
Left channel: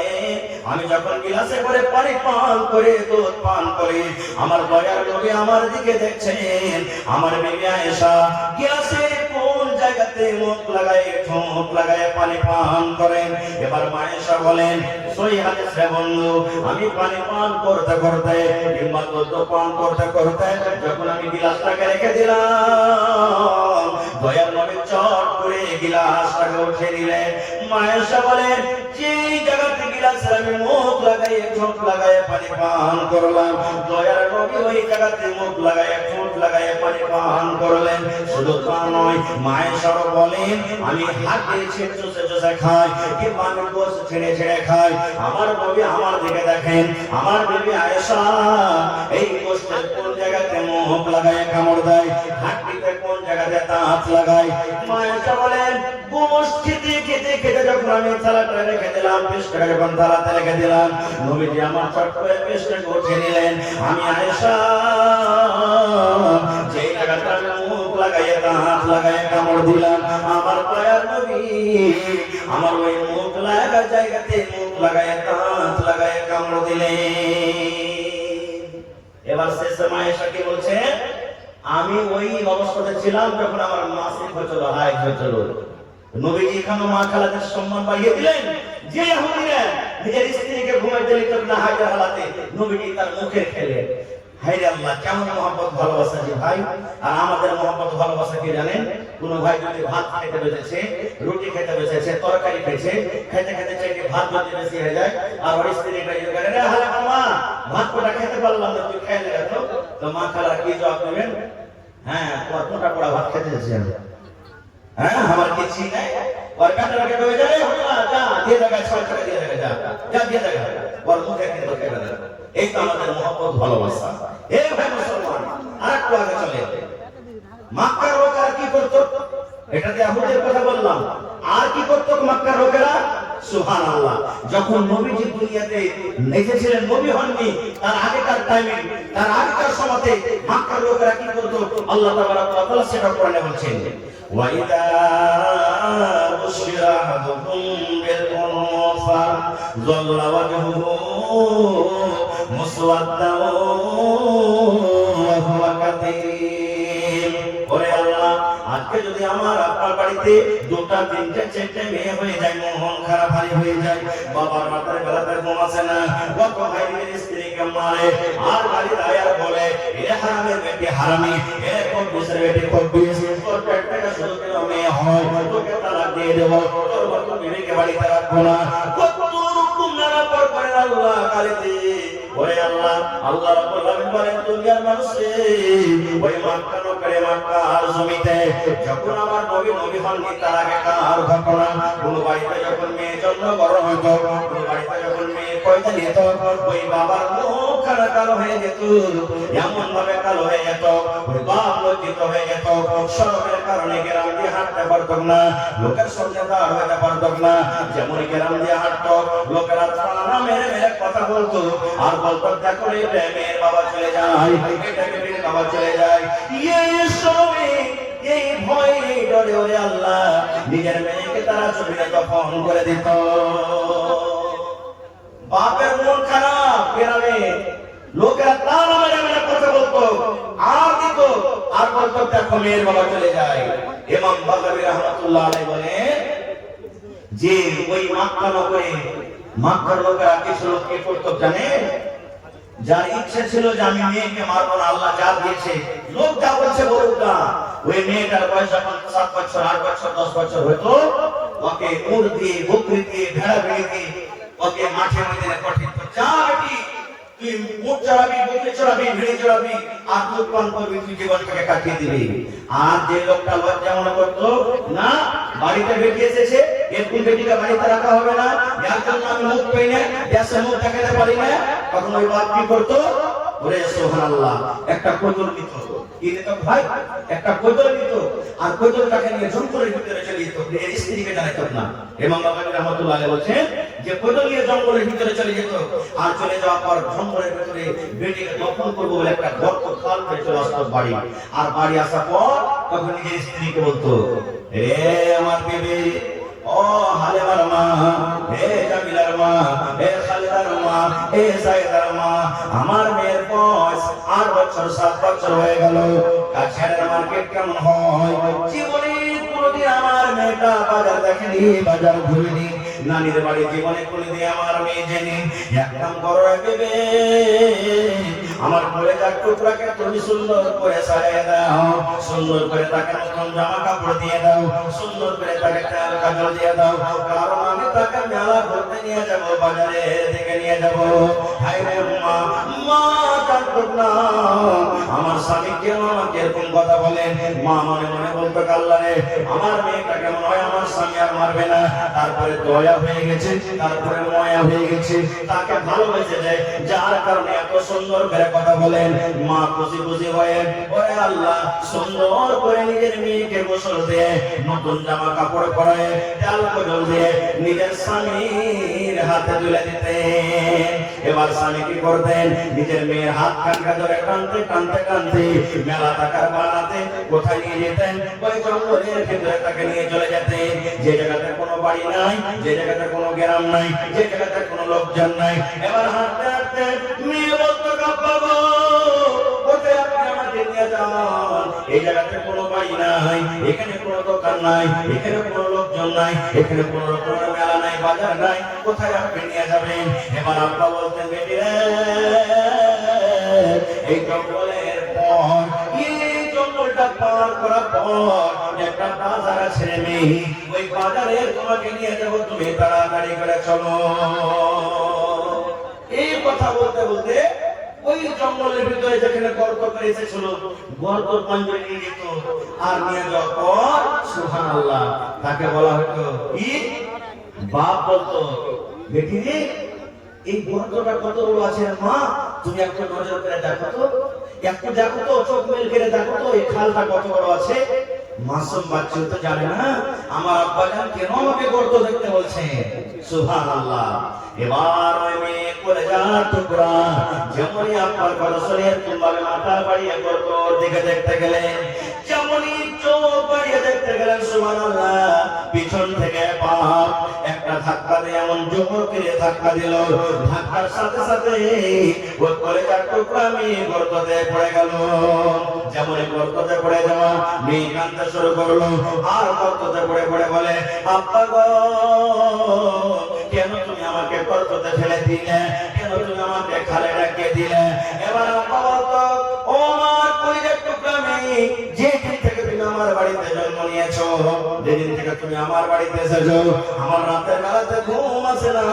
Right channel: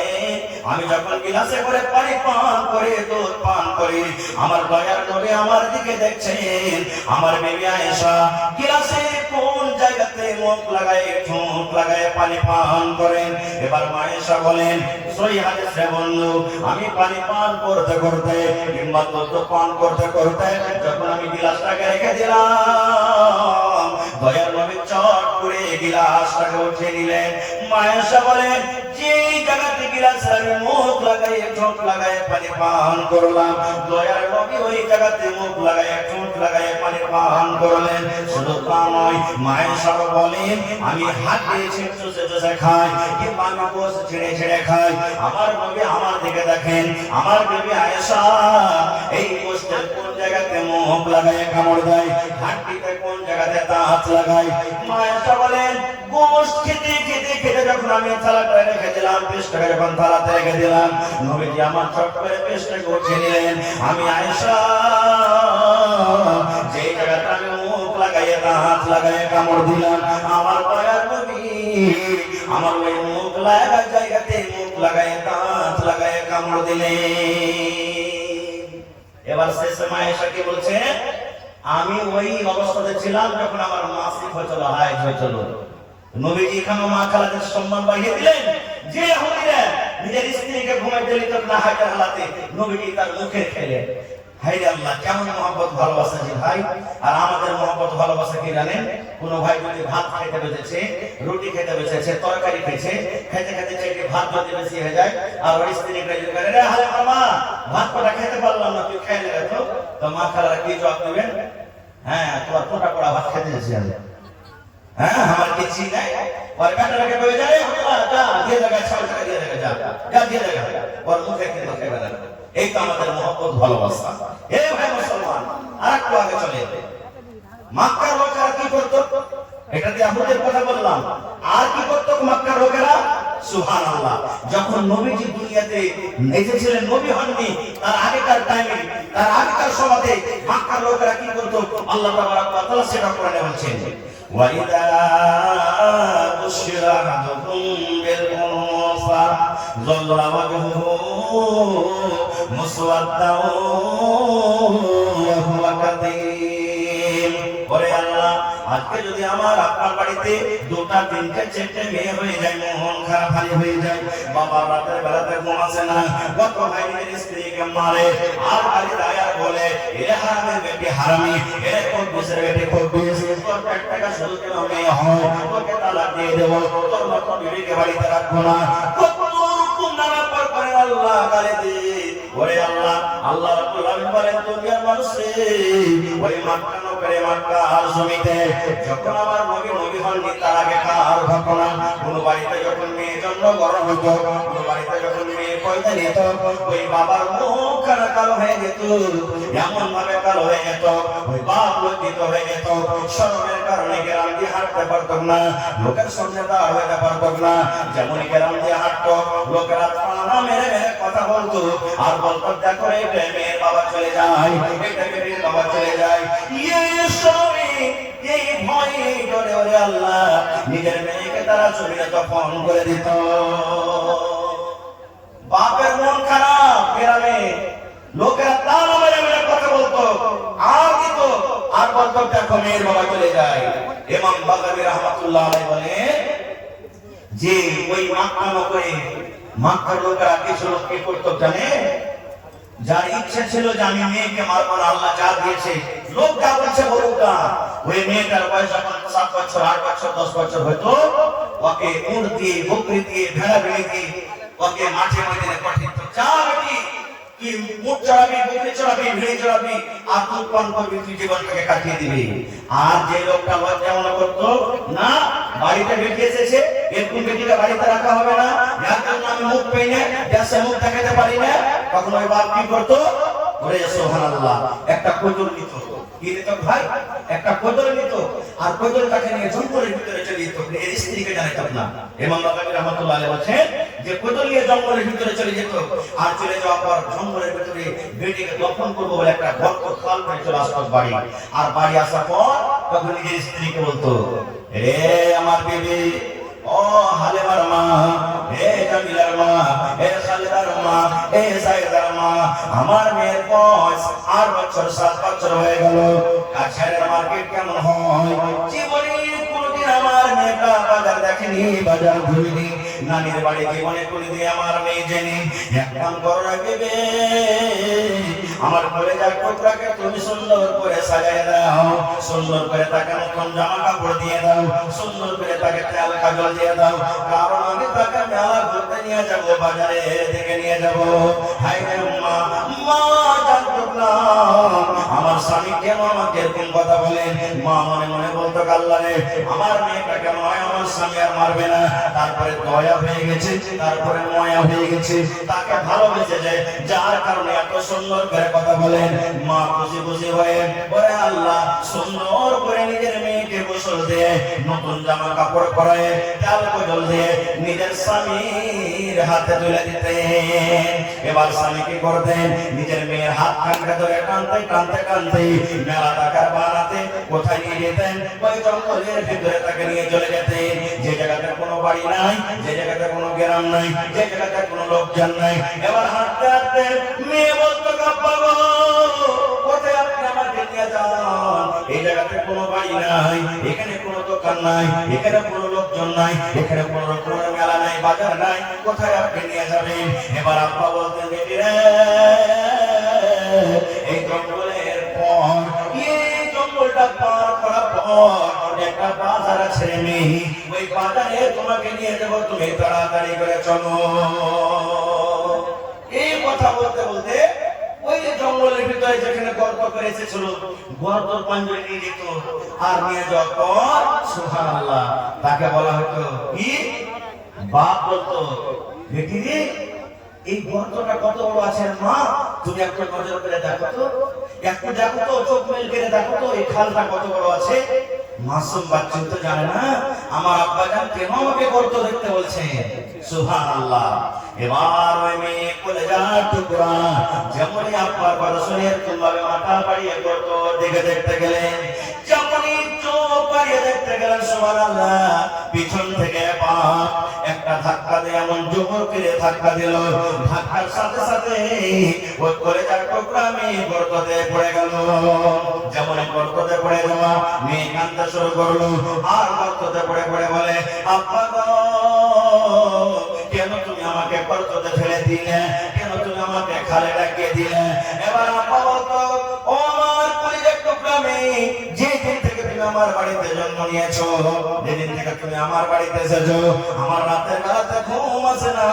আমি যখন গিলাসে করে পানি পান করি, দুধ পান করি, আমার দয়ার নবী আমার দিকে দেখছেন, আমার বিবি আয়েশা গিলাসে কোন জায়গাতে মুখ লাগায়, ঠোঁট লাগায় পানি পান করেন। এবার মা আয়েশা বলেন, সহি হাদিসে বন্ধু, আমি পানি পান করতে করতে কিংবা দুধ পান করতে করতে যখন আমি গিলাসটাকে রেখে দিলাম, দয়ার নবী চট করে গিলাসটাকে উঠে নিলেন। মা আয়েশা বলেন, যে জায়গাতে গিলাসে আমি মুখ লাগাই, ঠোঁট লাগাই পানি পান করলাম, দয়ার নবী ওই জায়গাতে মুখ লাগাই, ঠোঁট লাগাই পানি পান করলেন। শুধু তা নয়, মা আয়েশা বলেন, আমি হাত দিয়ে চুষে চুষে খাই, কিংবা আমি গোশ ছেড়ে ছেড়ে খাই, আমার নবী আমার দিকে দেখেন, আমার বিবি আয়েশা এই গোশটের কোন জায়গাতে মুখ লাগায় কামড় দেয়, হাড্ডিতে কোন জায়গাতে দাঁত লাগায়। মা আয়েশা বলেন, গোশট যখন আমি থালাটা রেখে দিলাম, পেস্টটাকে যখন থালাতে রেখে দিলাম, নবীজি আমার চটপটে পেস্টটাকে উঠিয়ে নিলেন। আমি আয়েশা যে জায়গাটা মুখ লাগাইয়া হাত লাগাইয়া কামড় দিলাম, আমার দয়ার নবী আমার ওই মুখ লাগা জায়গাতে মুখ লাগাইয়া হাত লাগাইয়া কামড় দিলেন। এবার শেষ সময় আয়েশা কি বলছে, আমি ওই অবস্থাতে ছিলাম যখন আমার মাসিক হয়েছিল, হাইজ হয়েছিল। নবীজি এখানে মা খালাদের সম্মান বাড়িয়ে দিলেন। যে হুজুরা নিজের স্ত্রীকে ঘুমাইতে দিত না হাইজের হালাতে, নবীজি তার মুখে খেলে। হায় আল্লাহ, কেমন মহব্বত ভালোবাসা যে ভাই। আর আমাদের মহব্বত ভালোবাসা কি জানেন? কোন ভাই যদি ভাত খেতে বসেছে, রুটি খেতে বসেছে, তরকারি খেয়েছে, খেতে খেতে চাইতে ভাত যদি বেশি হয়ে যায়, আর ওই স্ত্রীকে জিজ্ঞাসা করে, রে হালে মা ভাত কটা খেতে পারলাম না, তুই খেয়ে নে তো। তো মা খালারা কি জবাব দেবেন? হ্যাঁ, তোমার কোটা কোটা ভাত খেতে যাচ্ছে, হ্যাঁ আমার কিছু নাই। और काट लगे हो जाए जा ये जगह छोड़ कर ये जगह जा ये जगह और मुझे के तो कहना एक तो আমাদের मोहब्बत ভালোবাসা। এই ভাই মুসলমান, আরেকটু আগে চলে যেতে। মক্কার লোকেরা কি করত? এটাতে আহুদের কথা বললাম। আর কি করত মক্কার লোকেরা? সুবহানাল্লাহ। যখন নবীজি দুনিয়াতে এসেছিলেন, নবী হননি, তার আগেকার টাইমে, তার আগেকার সময়তে মক্কার লোকেরা কি করত? আল্লাহ তাআলা তাআলা সেটা কোরআনে বলছেন, وَإِذَا بُشِّرَ أَحَدُكُم بِالْأُنثَىٰ ظَلَّ وَجْهُهُ مُسْوَدًّا وَهُوَ كَظِيمٌ। ওরে আল্লাহ, আজকে যদি আমার আপনার বাড়িতে দুটা তিনটে চারটে মেয়ে হয়ে যায়, মন খারাপ হয়ে যায়, বাবা রাতের বেলাতে ঘুমাচ্ছে না, কত ভাই নিজের স্ত্রীকে মারে, আর বাড়ি দাঁড়িয়ে বলে এ হারামের বেটি হারামি, এ কব্বিসের বেটি কব্বিস, তোর পেটটাকে শুধু আমি হয় তোকে তালাক দিয়ে দেব, তোর মতো বিবিকে বাড়িতে রাখবো না। কত রকম নানা পর করেন আল্লাহ গালি দিয়ে। ওরে আল্লাহ, আল্লাহ রাব্বুল আলামিন বলেন, দুনিয়ার মানুষে ওই মক্কা নগরে মক্কার জমিতে যখন আমার নবী হননি, তার আগে কার ঘটনা, কোন বাড়িতে যখন মেয়ে জন্মগ্রহণ হতো, কোন বাড়িতে যখন মেয়ে পয়দা নিত, ওই বাবার মুখ কালো হয়ে যেত, এমন ভাবে কালো হয়ে যেত, ওই বাপ লজ্জিত হয়ে যেত, শরমের কারণে গ্রাম দিয়ে হাঁটতে পারত না, লোকের সঙ্গে দাঁড় হতে পারত না। যেমন গ্রাম দিয়ে হাঁটতো, লোকেরা তারা মেরে মেরে কথা বলতো, আর বলতো দেখো রে মেয়ের বাবা চলে যায়, এটা মেয়ের বাবা চলে যায়। এই ভয় ডরে ওরে আল্লাহ নিজের মেয়েকে তারা ছবিটা তখন করে দিত। বাপের মন খারাপ, গ্রামে লোকেরা তারা মেরে মেরে কথা বলতো, আর দিত, আর বলতো দেখো মেয়ের বাবা চলে যায়। ইমাম বাগাবী রাহমাতুল্লাহ আলাইহি বলে যে ওই মক্কা নগরে মক্কার লোকেরা কিছু লোককে করতো জানে, যার ইচ্ছে ছিল যে আমি মেয়েকে মারবো, আল্লাহ যা দিয়েছে, লোক যা বলছে বলুক না, ওই মেয়েটার বয়স 7 বছর 8 বছর 10 বছর হতো, ওকে উট দিয়ে, বকরি দিয়ে, ভেড়া দিয়ে ওকে মাঠে মধ্যে পাঠিয়ে দিত, যা বেটি তুই উট চড়াবি, বকরি চড়াবি, ভেড়া চড়াবি, আর দুধ পান করবি, তুই জীবনটাকে কাটিয়ে দিবি। আর যে লোকটা লজ্জা মনে করতো না, বাড়িতে বেটি এসেছে, এরকম বেটিকে বাড়িতে রাখা হবে না, যার জন্য আমি মুখ পেয়ে না, দেশে মুখ দেখাতে পারি না, তখন ওই বাপ কি করতো? ওরে সুবহানাল্লাহ, একটা কোদর নিত, কি নিত ভাই? একটা কোদর নিত, আর কোদরটাকে নিয়ে জঙ্গলের ভিতরে চলে যেত, এর স্ত্রীকে জানাতো না। এবং বাগাবী রাহমাতুল্লাহ আলাইহি বলেছেন যে কোদর নিয়ে জঙ্গলের ভিতরে চলে যেত, আর চলে যাওয়ার পর জঙ্গলের ভিতরে বেটিকে দফন করবো বলে একটা গর্ত খাল হয়ে চলে আসতো বাড়ি। আর বাড়ি আসার পর তখন নিজের স্ত্রীকে বলতো, এ আমার বিবি, ও হালেমার মা, হে জামিলার মা, হে খালিদার মা, হে সাইদার মা, আমার মেয়ের বয়স 8 বছর 7 বছর হয়ে গেল, কাছের মার্কেট কেমন হয়, জীবনে কোনোদিন আমার মেয়েটা বাজার দেখেনি, বাজার ঘুরেনি, নানির বাড়ি জীবনে কোনোদিন আমার মেয়ে জেনে, এক কাম করো বেবে, আমার কলেজার টুকরাকে তুমি সুন্দর করে সাজিয়ে দাও, সুন্দর করে তাকে নতুন জামা কাপড় দিয়ে দাও, সুন্দর করে তাকে তেল কাজল দিয়ে দাও, কারণ আমি তাকে মেলা ঘুরতে নিয়ে যাব, বাজারে থেকে নিয়ে যাব। হায় রে মা, মা জানতো না আমার স্বামী কেন আমাকে এরকম কথা বলেন? মা মনে মনে বলতো, আল্লাহ রে, আমার মেয়েটা কেমন হয়, আমার স্বামী আর মারবে না। তারপরে দয়া হয়ে গেছে, তারপরে মায়া হয়ে গেছে, তাকে ভালোবেসেছে, যার কারণে এত সুন্দর করে কথা বলেন। মা খুশি খুশি হয়ে বলে, আল্লাহ সুন্দর করে নিজের মেয়েকে গোসল দিয়ে, নতুন জামা কাপড় পরে, ডাল কদল দিয়ে নিজের স্বামীর হাতে তুলে দিতেন। এবার স্বামী কি করতেন? নিজের মেয়ের হাত খানকা ধরে টানতে টানতে টানতে মেলা টাকার বানাতে কোথায় নিয়ে যেতেন? ওই জঙ্গলের ভিতরে তাকে নিয়ে চলে যেতেন, যে জায়গাতে কোনো বাড়ি নাই, যে জায়গাতে কোনো গ্রাম নাই, যে জায়গাতে কোনো লোকজন নাই। এবার হাঁটতে হাঁটতে মেয়ে বলতো, আব্বা গো, কোথায় আপনি আমাকে নিয়ে যান? এই জায়গাতে কোনো বাড়ি নাই, এখানে কোনো দোকান নাই, এখানে কোনো লোকজন নাই, এখানে কোনো রকমের মেলা নাই, বাজার নাই, কোথায় আপনি নিয়ে যাবেন? এবার আব্বা বলতেন, বেটি রে, এই জঙ্গলের পর, এই জঙ্গলটা পার করার পর একটা বাজার আছে মেয়ে, ওই বাজারে তোমাকে নিয়ে যাবো, তুমি তাড়াতাড়ি করে চলো। এই কথা বলতে বলতে ওই জঙ্গলের ভিতরে যেখানে গর্ত করে এসেছিল, গর্ত পাঞ্জরে নিয়ে যেত, আর নিয়ে যাওয়ার পর সুবহানাল্লাহ তাকে বলা হতো কি? বাপ বলতো, বেটি রে, এই গর্তটা কত বড় আছে মা, তুমি একটু নজর করে দেখো তো, একটু দেখো তো, চোখ মেল করে দেখো তো, এই খালটা কত বড় আছে। মাসুম বাচ্চা তো জানে না আমার আব্বা জান কেন আমাকে গর্ত দেখতে বলছে। সুবহানাল্লাহ। এবার ওই মেয়ে কলেজার টুকরা যেমনই আব্বার কথা শুনে তুলভাবে মাথা বাড়িয়ে গর্তর দিকে দেখতে গেলেন, যেমনই চোখ বাড়িয়ে দেখতে গেলেন, সুবহানাল্লাহ, পিছন থেকে একটা ধাক্কা দিয়ে এমন জোর করে ধাক্কা দিল, ধাক্কার সাথে সাথে ওই কলেজার টুকরা মেয়ে গর্ততে পড়ে গেল। যেমন গর্ততে পড়ে যাওয়া মেয়ে কাঁদতে শুরু করলো, আর গর্ততে পড়ে পড়ে বলে, আব্বা গো, কেন তুমি আমাকে গর্ততে ফেলে দিলে? কেন তুমি আমাকে খালে ডাকিয়ে দিলে? এবার আব্বা বলতো, ও আমার কলেজার টুকরা মেয়ে, যেদিন থেকে তুমি আমার বাড়িতে জন্ম নিয়েছো, যেদিন থেকে তুমি আমার বাড়িতে এসেছো, আমার রাতের বেলাতে ঘুম আসে না,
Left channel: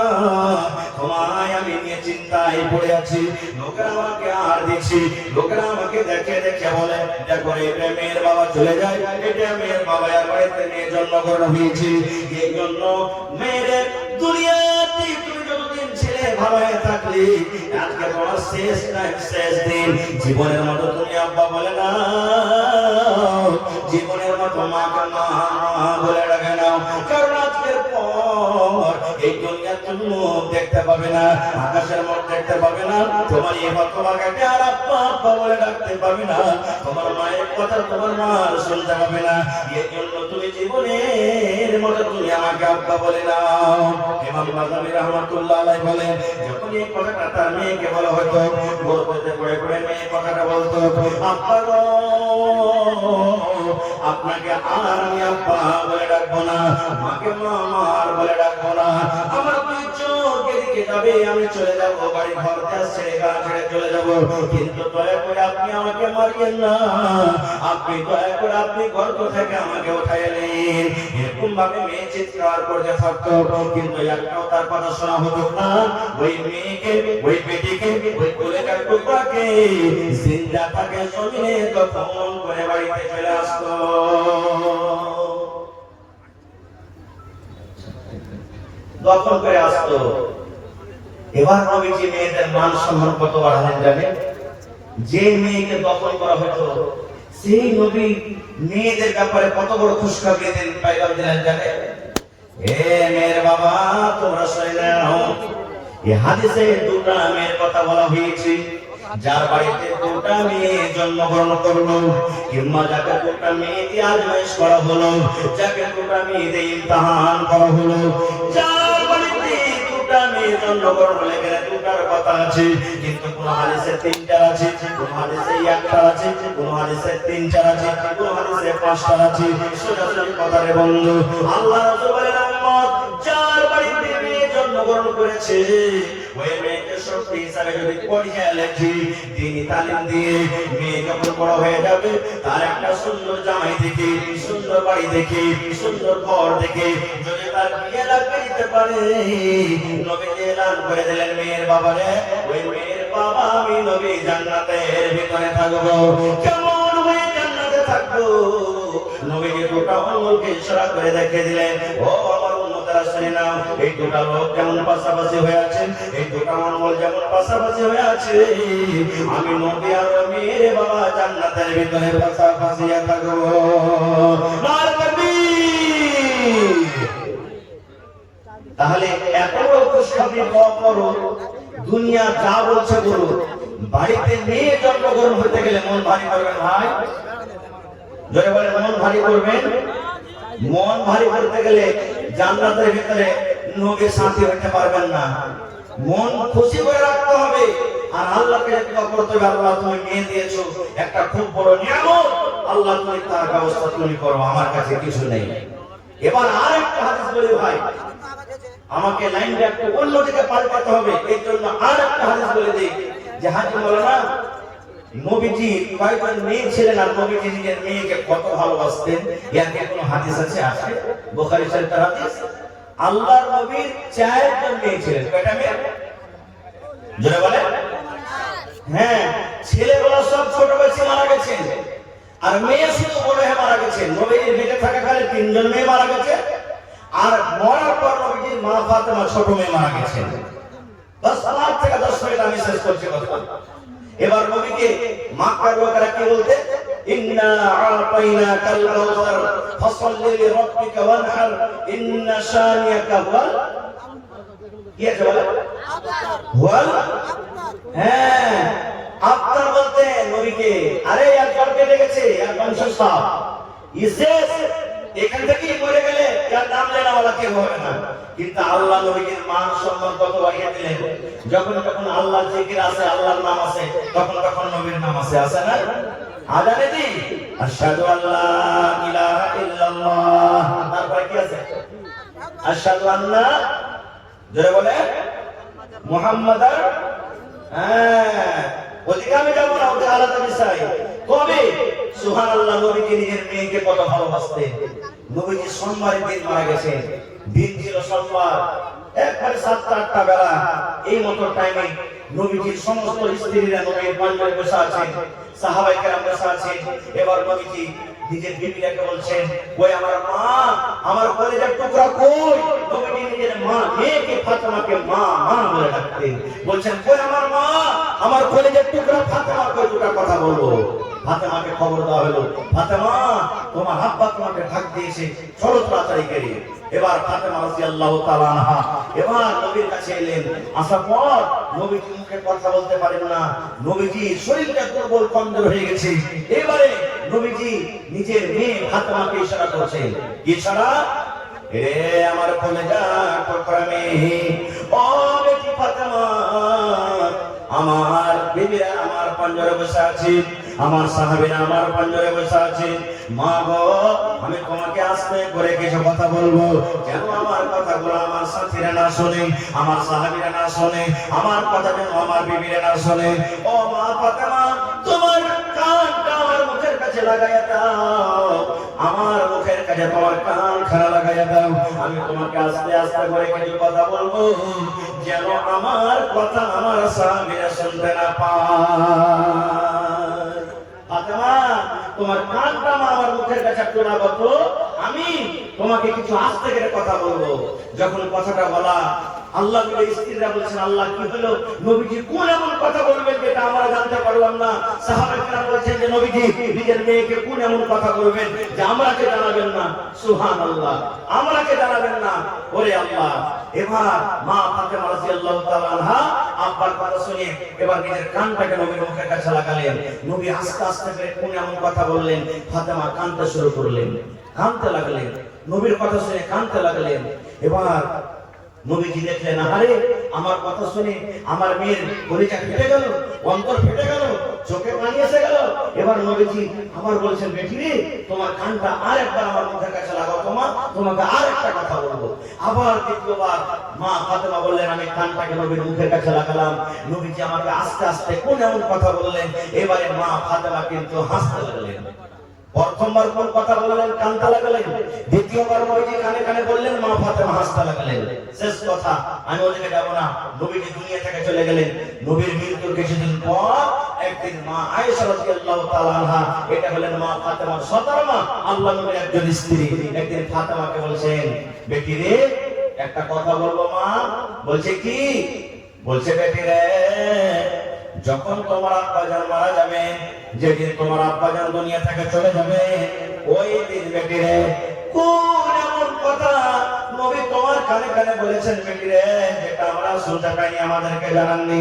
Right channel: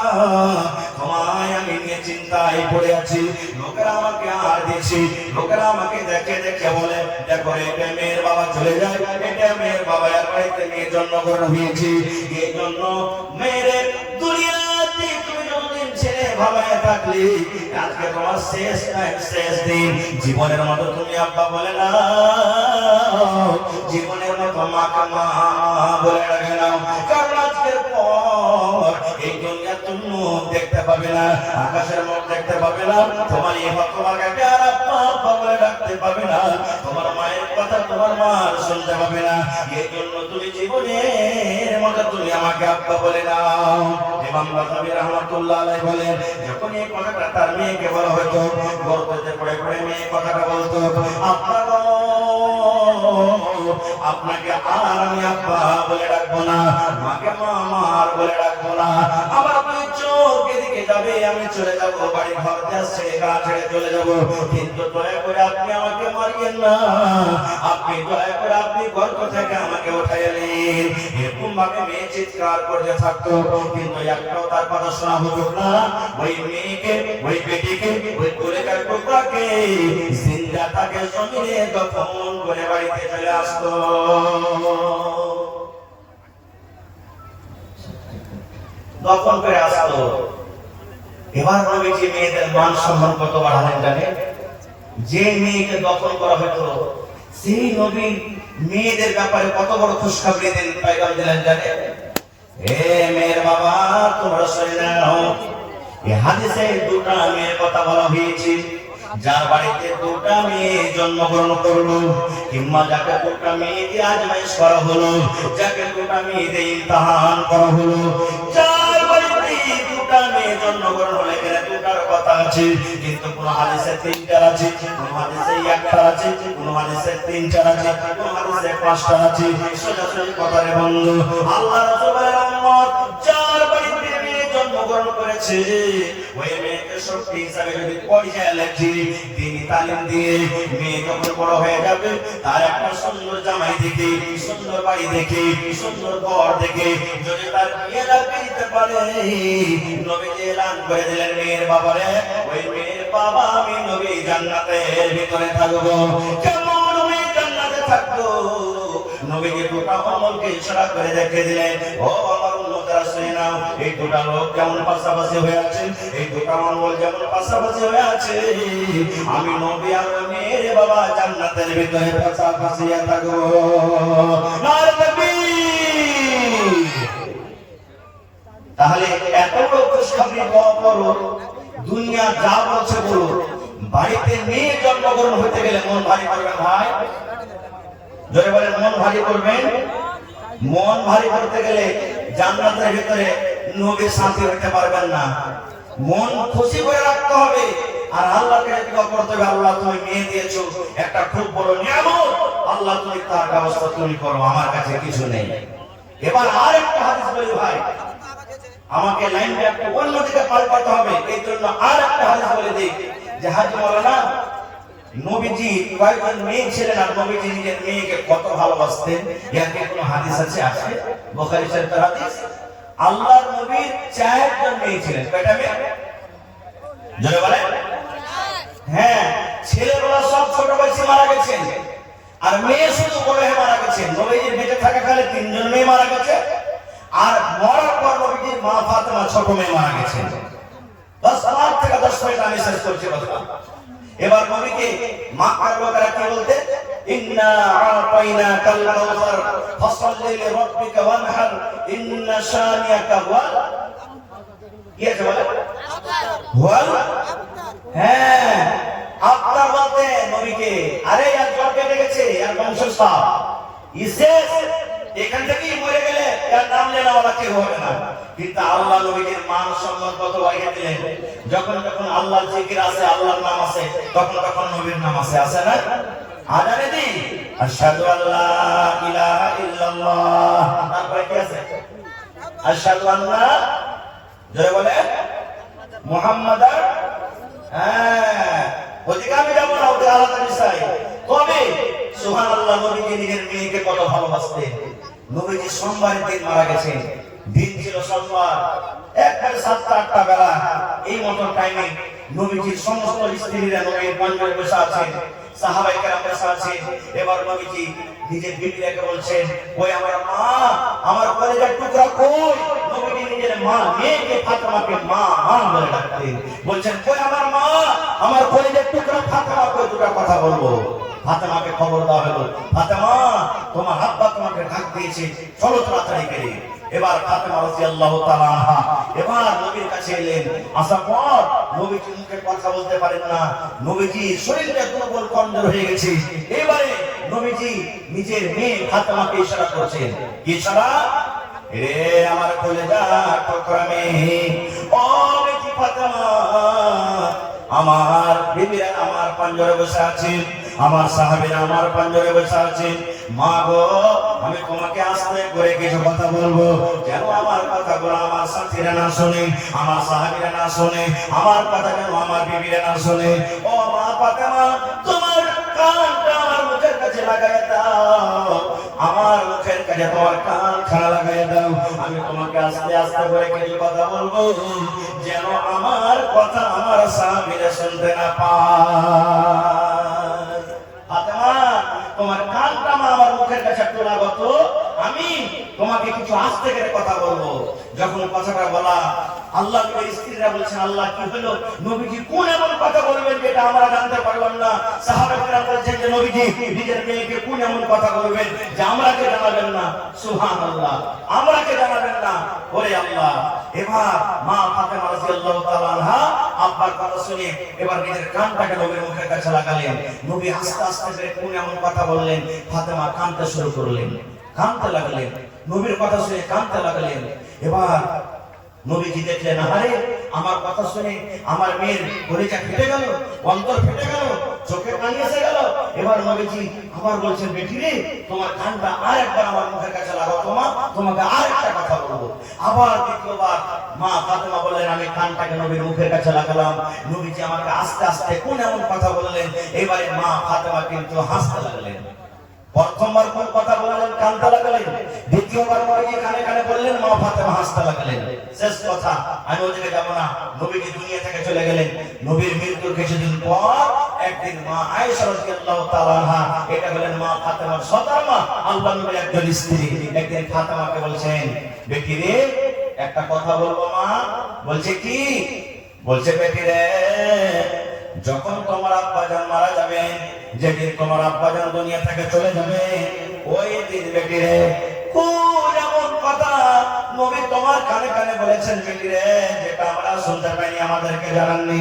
তোমায় আমি নিয়ে চিন্তায় পড়ে আছি। লোকেরা আমাকে আর দিয়েছি, লোকেরা আমাকে দেখে দেখে বলে, দেখো এটা মেয়ের বাবা চলে যায়, এটা মেয়ের বাবা আর বাড়িতে নিয়ে জন্মগ্রহণ হয়েছি। এই জন্য মেয়ের দুনিয়াতে তুমি যতদিন ছেলে ভাবায় থাকলে, আজকে তোমার শেষ টাইম, শেষ দিন। জীবনের মতো তুমি আব্বা বলে না, জীবনের মতো মাকে মা বলে ডাকে না, কারণ আজকের পর এই দুনিয়া তুমি মুখ দেখতে পাবে না, আকাশের মুখ দেখতে পাবে না, তোমার এই তোমাকে প্যার আব্বা আব্বা বলে ডাকতে পাবে না, তোমার মায়ের কথা তোমার মা শুনতে পাবে না। এই জন্য তুমি জীবনের মতো তুমি আমাকে আব্বা বলে না। ইমাম রাজাবি রাহমাতুল্লাহ আলাইহি বলেন, যখন এই কথাটা তার মেয়েকে বলা হতো, গর্ভে পড়ে পড়ে মেয়ে কথাটা বলতো, আব্বা গো, আপনাকে আর আমি আব্বা বলে ডাকবো না, মাকে মা বলে ডাকবো না, আমার দুই চোখ এদিকে যাবে, আমি চলে যাবো, বাড়ি ঘর দেশ ছেড়ে গা ছেড়ে চলে যাবো, কিন্তু দয়া করে আপনি আমাকে মারিয়েন না, আপনি দয়া করে আপনি গর্ভ থেকে আমাকে উঠাই এলেন। এরকম ভাবে মেয়ে চিৎকার করতে থাকতো, কিন্তু একটাও তার কথা শোনা হতো না। ওই মেয়েকে, ওই বেটিকে, ওই কলেজার টুকরাকে জিন্দা তাকে শরীরে দফন করে বাড়িতে চলে আসতো। দফন করে আসতো। এবার নবীজি মেয়েদের মান সম্মান কত বাড়ালেন জানে? যে মেয়েকে দফন করা হতো, সেই নবী মেয়েদের ব্যাপারে কত বড় খুশখবরি দিলেন, পয়গাম দিলেন জানে? হে মেয়ের বাবা, তোমরা শুনে নাও, এই হাদিসে দুটো মেয়ের কথা বলা হয়েছে, যার বাড়িতে দুটো মেয়ে জন্মগ্রহণ করলো, কিংবা যাকে দুটো মেয়ে দিয়ে আজমাইশ করা হলো, যাকে দুটো মেয়ে দিয়ে ইমতিহান করা হলো, যার বাড়িতে দুটো মেয়ে জন্মগ্রহণ হলে গেলে দুটার কথা আছে, কিন্তু কোন হাদিসে তিনটা আছে, কোন হাদিসে একটা আছে, কোন হাদিসে তিনটা আছে, কোন হাদিসে পাঁচটা আছে। সোজাসুজি কথা রে বন্ধু, আল্লাহ রাসূলের উম্মত যার বাড়িতে মেয়ে জন্মগ্রহণ করেছে, ওই মেয়েকে শক্তি হিসাবে যদি পড়িয়ে লেখি, তিনি তালিম দিয়ে মেয়ে যখন বড় হয়ে যাবে, তার একটা সুন্দর জামাই দেখে, সুন্দর বাড়ি দেখে, সুন্দর ঘর দেখে যদি তার বিয়ে দিতে পারে, নবী এলান করে দিলেন, মেয়ের বাবারে, ওই মেয়ের বাবা আমি নবী জান্নাতের ভিতরে থাকবো। কেমন ওই জান্নাতে থাকবো? নবীজি দুটো আমলকে ইশারা করে দেখে দিলেন, ও আমার উম্মতেরা শুনে নাও, এই দুটো লোক যেমন পাশাপাশি হয়ে আছে, এই দুটো আমল যেমন পাশাপাশি হয়ে আছে, আমি নবী আর মেরে বাবা জান্নাতের ভিতরে পাশাপাশি থাকবো। নারে তাকবীর। তাহলে এত বড় খুশখবরি পাওয়ার পরও দুনিয়া যা বলছে বলো, বাড়িতে মেয়ে জন্মগ্রহণ হতে গেলে মন ভারী করবেন ভাই, জোরে বলেন মন ভারী করবেন। মন ভারী করতে গেলে জান্নাতের ভিতরে নবীর সাথী হতে পারবেন না। মন খুশি করে রাখতে হবে আর আল্লাহকে দোয়া করতে হবে, আল্লাহ তুমি মেয়ে দিয়েছো, একটা খুব বড় নিয়ামত, আল্লাহ তুমি তার ব্যবস্থা তুমি করো, আমার কাছে কিছু নেই। এবার আরেকটা হাদিস বলি ভাই, আমাকে লাইনটা একটু অন্যদিকে পাল্টাতে হবে, এই জন্য আরেকটা হাদিস বলে দিই যে হাজি মাওলানা নবীজি কয়েকজন মেয়ে ছিলেন আর নবীজি নিজের মেয়েকে কত ভালোবাসতেন, এর একটা হাদিস আছে বুখারী শরীফের হাদিস। আল্লাহর নবীর 4 জন মেয়ে ছিলেন, কয়টা মেয়ে? জোরে বলেন। হ্যাঁ, ছেলেগুলো সব ছোট বয়সে মারা গেছেন আর মেয়ে শুধু বড় হয়ে মারা গেছেন। নবীজির বেঁচে থাকাকালে 3 জন মেয়ে মারা গেছে আর মরার পর নবীজির মা ফাতেমা ছোট মেয়ে মারা গেছেন। বাস 8 থেকে 10 মিনিট আমি শেষ করছি কথা। এবার নবীকে মক্কার লোকেরা কি বলতে, ইন্না আতাইনাকাল কাউসার ফাসাল্লি লিরাব্বিকা ওয়ানহার ইন্না শানিয়াকা হুয়াল ইয়া বলে হুয়াল। হ্যাঁ, আপনার বলতে নবীকে, আরে এক জলকে দেখেছে এক বংশস্থ ইসেস, এখান থেকে মরে গেলে তার নাম লেনা ওলা কেউ হবে না। কিন্তু আল্লাহ নবীকে মান সম্মান কত বাড়িয়ে দিলেন, যখন যখন আল্লাহর জিকির আছে, আল্লাহর নাম আছে, তখন তখন নবীর নাম আছে, আছে না? আজানে দি আশহাদু আল্লা ইলাহা ইল্লাল্লাহ, তারপরে কি আছে? আশহাদু আন্না, জোরে বলে মুহাম্মাদার। হ্যাঁ, ওদিকে আমি যাব না, ওদিকে আলাদা বিষয়। কবে? সুবহানাল্লাহ, নবীকে নিজের মেয়েকে কত ভালোবাসতেন। নবীজি সোমবারের দিন মারা গেছেন, দিন ছিল সোমবার, একবারে 7টা-8টা বেলা, এই মতো টাইমে নবীজির সমস্ত স্ত্রীরা নবীর পাঞ্জাবে বসে আছেন, সাহাবায়ে কেরাম বসে আছেন। এবার নবীজি নিজের বিবিকে বলছেন, ওই আমার মা, আমার কলেজের টুকরা কই? নবীজি নিজের মা মেয়েকে ফাতেমাকে মা মা বলে ডাকতেন, বলছেন, কই আমার মা, আমার কলেজের টুকরা ফাতেমা কই? দুটো কথা বলবো। ফাতেমাকে খবর দেওয়া হলো, ফাতেমা তোমার আব্বা তোমাকে ডাক দিয়েছে, চলো তাড়াতাড়ি করে। এবার ফাতেমা রাদিয়াল্লাহু তাআলা আনহা এবার নবীর কাছে এলেন, আসার পর নবীজি মুখে কথা বলতে পারেন না, নবীজি শরীরটা দুর্বল কমজোর হয়ে গেছে। এবারে নবীজি নিজের মেয়ে ফাতেমাকে ইশারা করছেন, কি ইশারা? এ আমার কলেজা টুকরা মেয়ে, ও বেটি ফাতেমা, আমার বিবিরা আমার পাঞ্জরে বসে আছে, আমার সাহাবীরা আমার পাঞ্জরে বসে আছে, মা গো আমি তোমাকে আস্তে করে কিছু কথা বলবো, যেন আমার কথাগুলো আমার সাথীরা না শুনে, আমার সাহাবীরা না শুনে, আমার কথা যেন আমার বিবিরা না শুনে। ও মা ফাতেমা, তোমার কানটা আমার মুখের কাছে লাগাইয়া দাও, আমার মুখের কাছে তোমার কান খাড়া লাগাইয়া দাও, আমি তোমাকে আস্তে আস্তে করে কিছু কথা বলবো, যেন আমার কথা আমার স্বামীরা শুনতে না পায়। ফাতেমা, তোমার কানটা আমার মুখের কাছে একটু লাগাতো, আমি তোমাকে কিছু আস্তে করে কথা বলবো। যখন কথাটা বলা, আল্লাহ নবীর স্ত্রীরা বলছেন, আল্লাহ কি হলো? নবীজি কোন এমন কথা বলবেন যেটা আমরা জানতে পারলাম না? সাহাবারা বলছেন যে নবীজি নিজের মেয়েকে কোন এমন কথা বলবেন যে আমরাকে জানাবেন না? সুবহানাল্লাহ, আমরাকে জানাবেন না। ওরে আল্লাহ! এবার মা ফাতেমা রাদিয়াল্লাহু তাআলা আনহা আব্বার কথা শুনে এবার নিজের কানটাকে নবীর মুখের কাছে লাগালেন। নবী আস্তে আস্তে করে কোন এমন কথা বললেন, ফাতেমা কাঁদতে শুরু করলেন, কাঁদতে লাগলেন, নবীর কথা শুনে কাঁদতে লাগলেন। এবার নবীজি দেখলেন, আরে আমার কথা শুনে আমার মেয়ের কলিজা ফেটে গেল, অন্তর ফেটে গেল, চোখে পানি এসে গেল। এবার নবীজি আবার বলছেন, বেটি রে, তোমার কানটা আরেকবার আমার মুখের কাছে লাগাও, তোমাকে আরেকটা কথা বলবো। আবার দ্বিতীয়বার মা ফাতেমা বললেন, আমি কানটাকে নবীর মুখের কাছে লাগালাম। নবীজি আমাকে আস্তে আস্তে কোন এমন কথা বললেন, এবারে মা ফাতেমা কিন্তু হাসতে লাগলেন। প্রথমবার কোন কথা বললেন? কানতে লাগলেন। দ্বিতীয়বার নবীজি কানে কানে বললেন, মা ফাতেমা হাসতে লাগলেন। শেষ কথা, আমি ওদিকে যাব না। নবীজি দুনিয়া থেকে চলে গেলেন। নবীর মৃত্যুর কিছুদিন পর একদিন মা আয়েশা রাদিয়াল্লাহু তাআলা আনহা, এটা হলেন মা ফাতেমার সৎ মা, আল্লাহর নবীর একজন স্ত্রী, একদিন ফাতেমাকে বলছেন, বেটি রে একটা কথা বলবো মা। বলছে কি? বলছে বেটি রে, যখন তোমার আব্বাজান মারা যাবে, যেদিন তোমার আব্বাজান দুনিয়া থেকে চলে যাবে, ওই দিন বেটি রে কোন এমন কথা নবী তোমার কানে কানে বলেছেন বেটি রে, যেটা আমরা শুনতে পাইনি, আমাদেরকে জানাননি।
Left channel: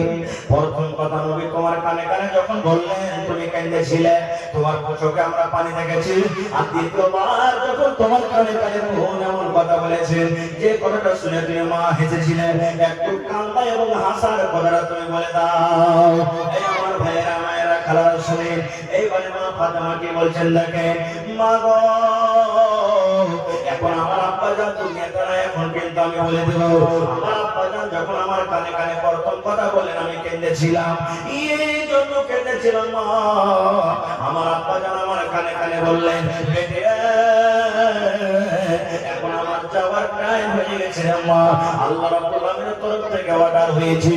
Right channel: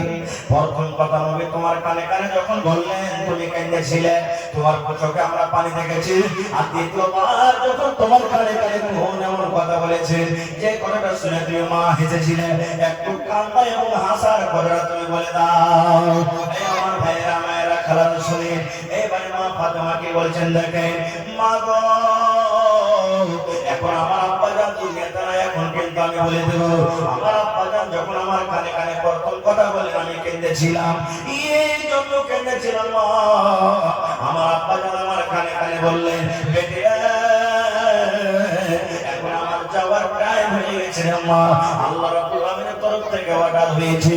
প্রথম কথা নবী তোমার কানে কানে যখন বললেন, তুমি কেঁদেছিলে, তোমার চোখে আমরা পানি দেখেছি। আর দ্বিতীয়বার যখন তোমার কানে কানে কোন এমন কথা বলেছেন, যে কথাটা শুনে তুমি মা হেসেছিলে, একটু কান্না এবং হাসার কথাটা তুমি বলে দাও। এই আমার ভাইয়েরা মায়েরা খালারা শুনে, এইবারে মা ফাতেমা কি বলছেন দেখেন, মা গো, এখন আমার আব্বাজান দুনিয়াতে নাই, এখন কিন্তু আমি বলে দেব, আমার আব্বাজান যখন আমার কানে কানে প্রথম কথা বলেন, আমি কেঁদেছিলাম। এই জন্য কেঁদেছিলাম মা, আমার আব্বাজান আমার কানে কানে বললেন, বেটি এখন আমার যাওয়ার টাইম হয়ে গেছে মা, আল্লাহ রাব্বুল আলামিনের তরফ থেকে অর্ডার হয়েছে,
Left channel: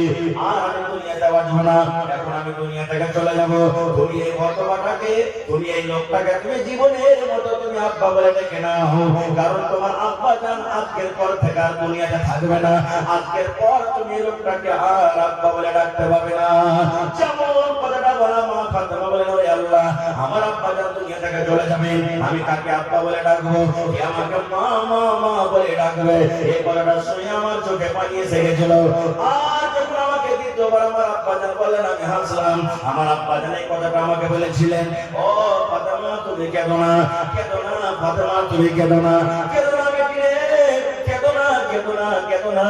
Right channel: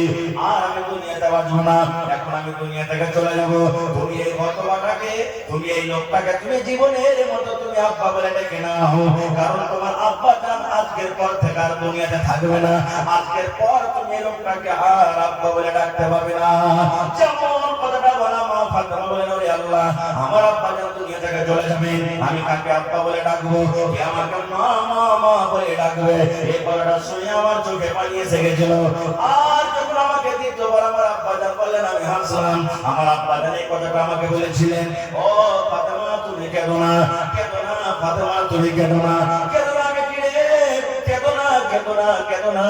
আর আমি দুনিয়াতে বাঁচব না, এখন আমি দুনিয়া থেকে চলে যাব। তুমি এই ঘটনাটাকে, তুমি এই লোকটাকে তুমি জীবনের মতো তুমি আব্বা বলে ডেকে নাও, কারণ তোমার আব্বা জান আজকের পর থেকে আর দুনিয়াতে থাকবে না। আজকের পর তুমি এই লোকটাকে আর আব্বা বলে ডাকতে পারবে না। যেমন কথাটা বলা মা ফাতেমা বলে, ওরে আল্লাহ, আমার আব্বা জান দুনিয়া থেকে চলে যাবে, আমি কাকে আব্বা বলে ডাকবো? কে আমাকে মা মা মা বলে ডাকবে? এই কথাটা শুনে আমার চোখে পানি এসে গেছিল। আর যখন আমাকে দ্বিতীয়বার আমার আব্বা জান বললেন, আমি হাসলাম। আমার আব্বা জান এই কথাটা আমাকে বলেছিলেন, ও ফাতেমা তুমি কেঁদো না, কেঁদো না ফাতেমা, তুমি কেঁদো না, কেঁদো না বেটি রে, কেঁদো না, কেঁদো না, কেঁদো না,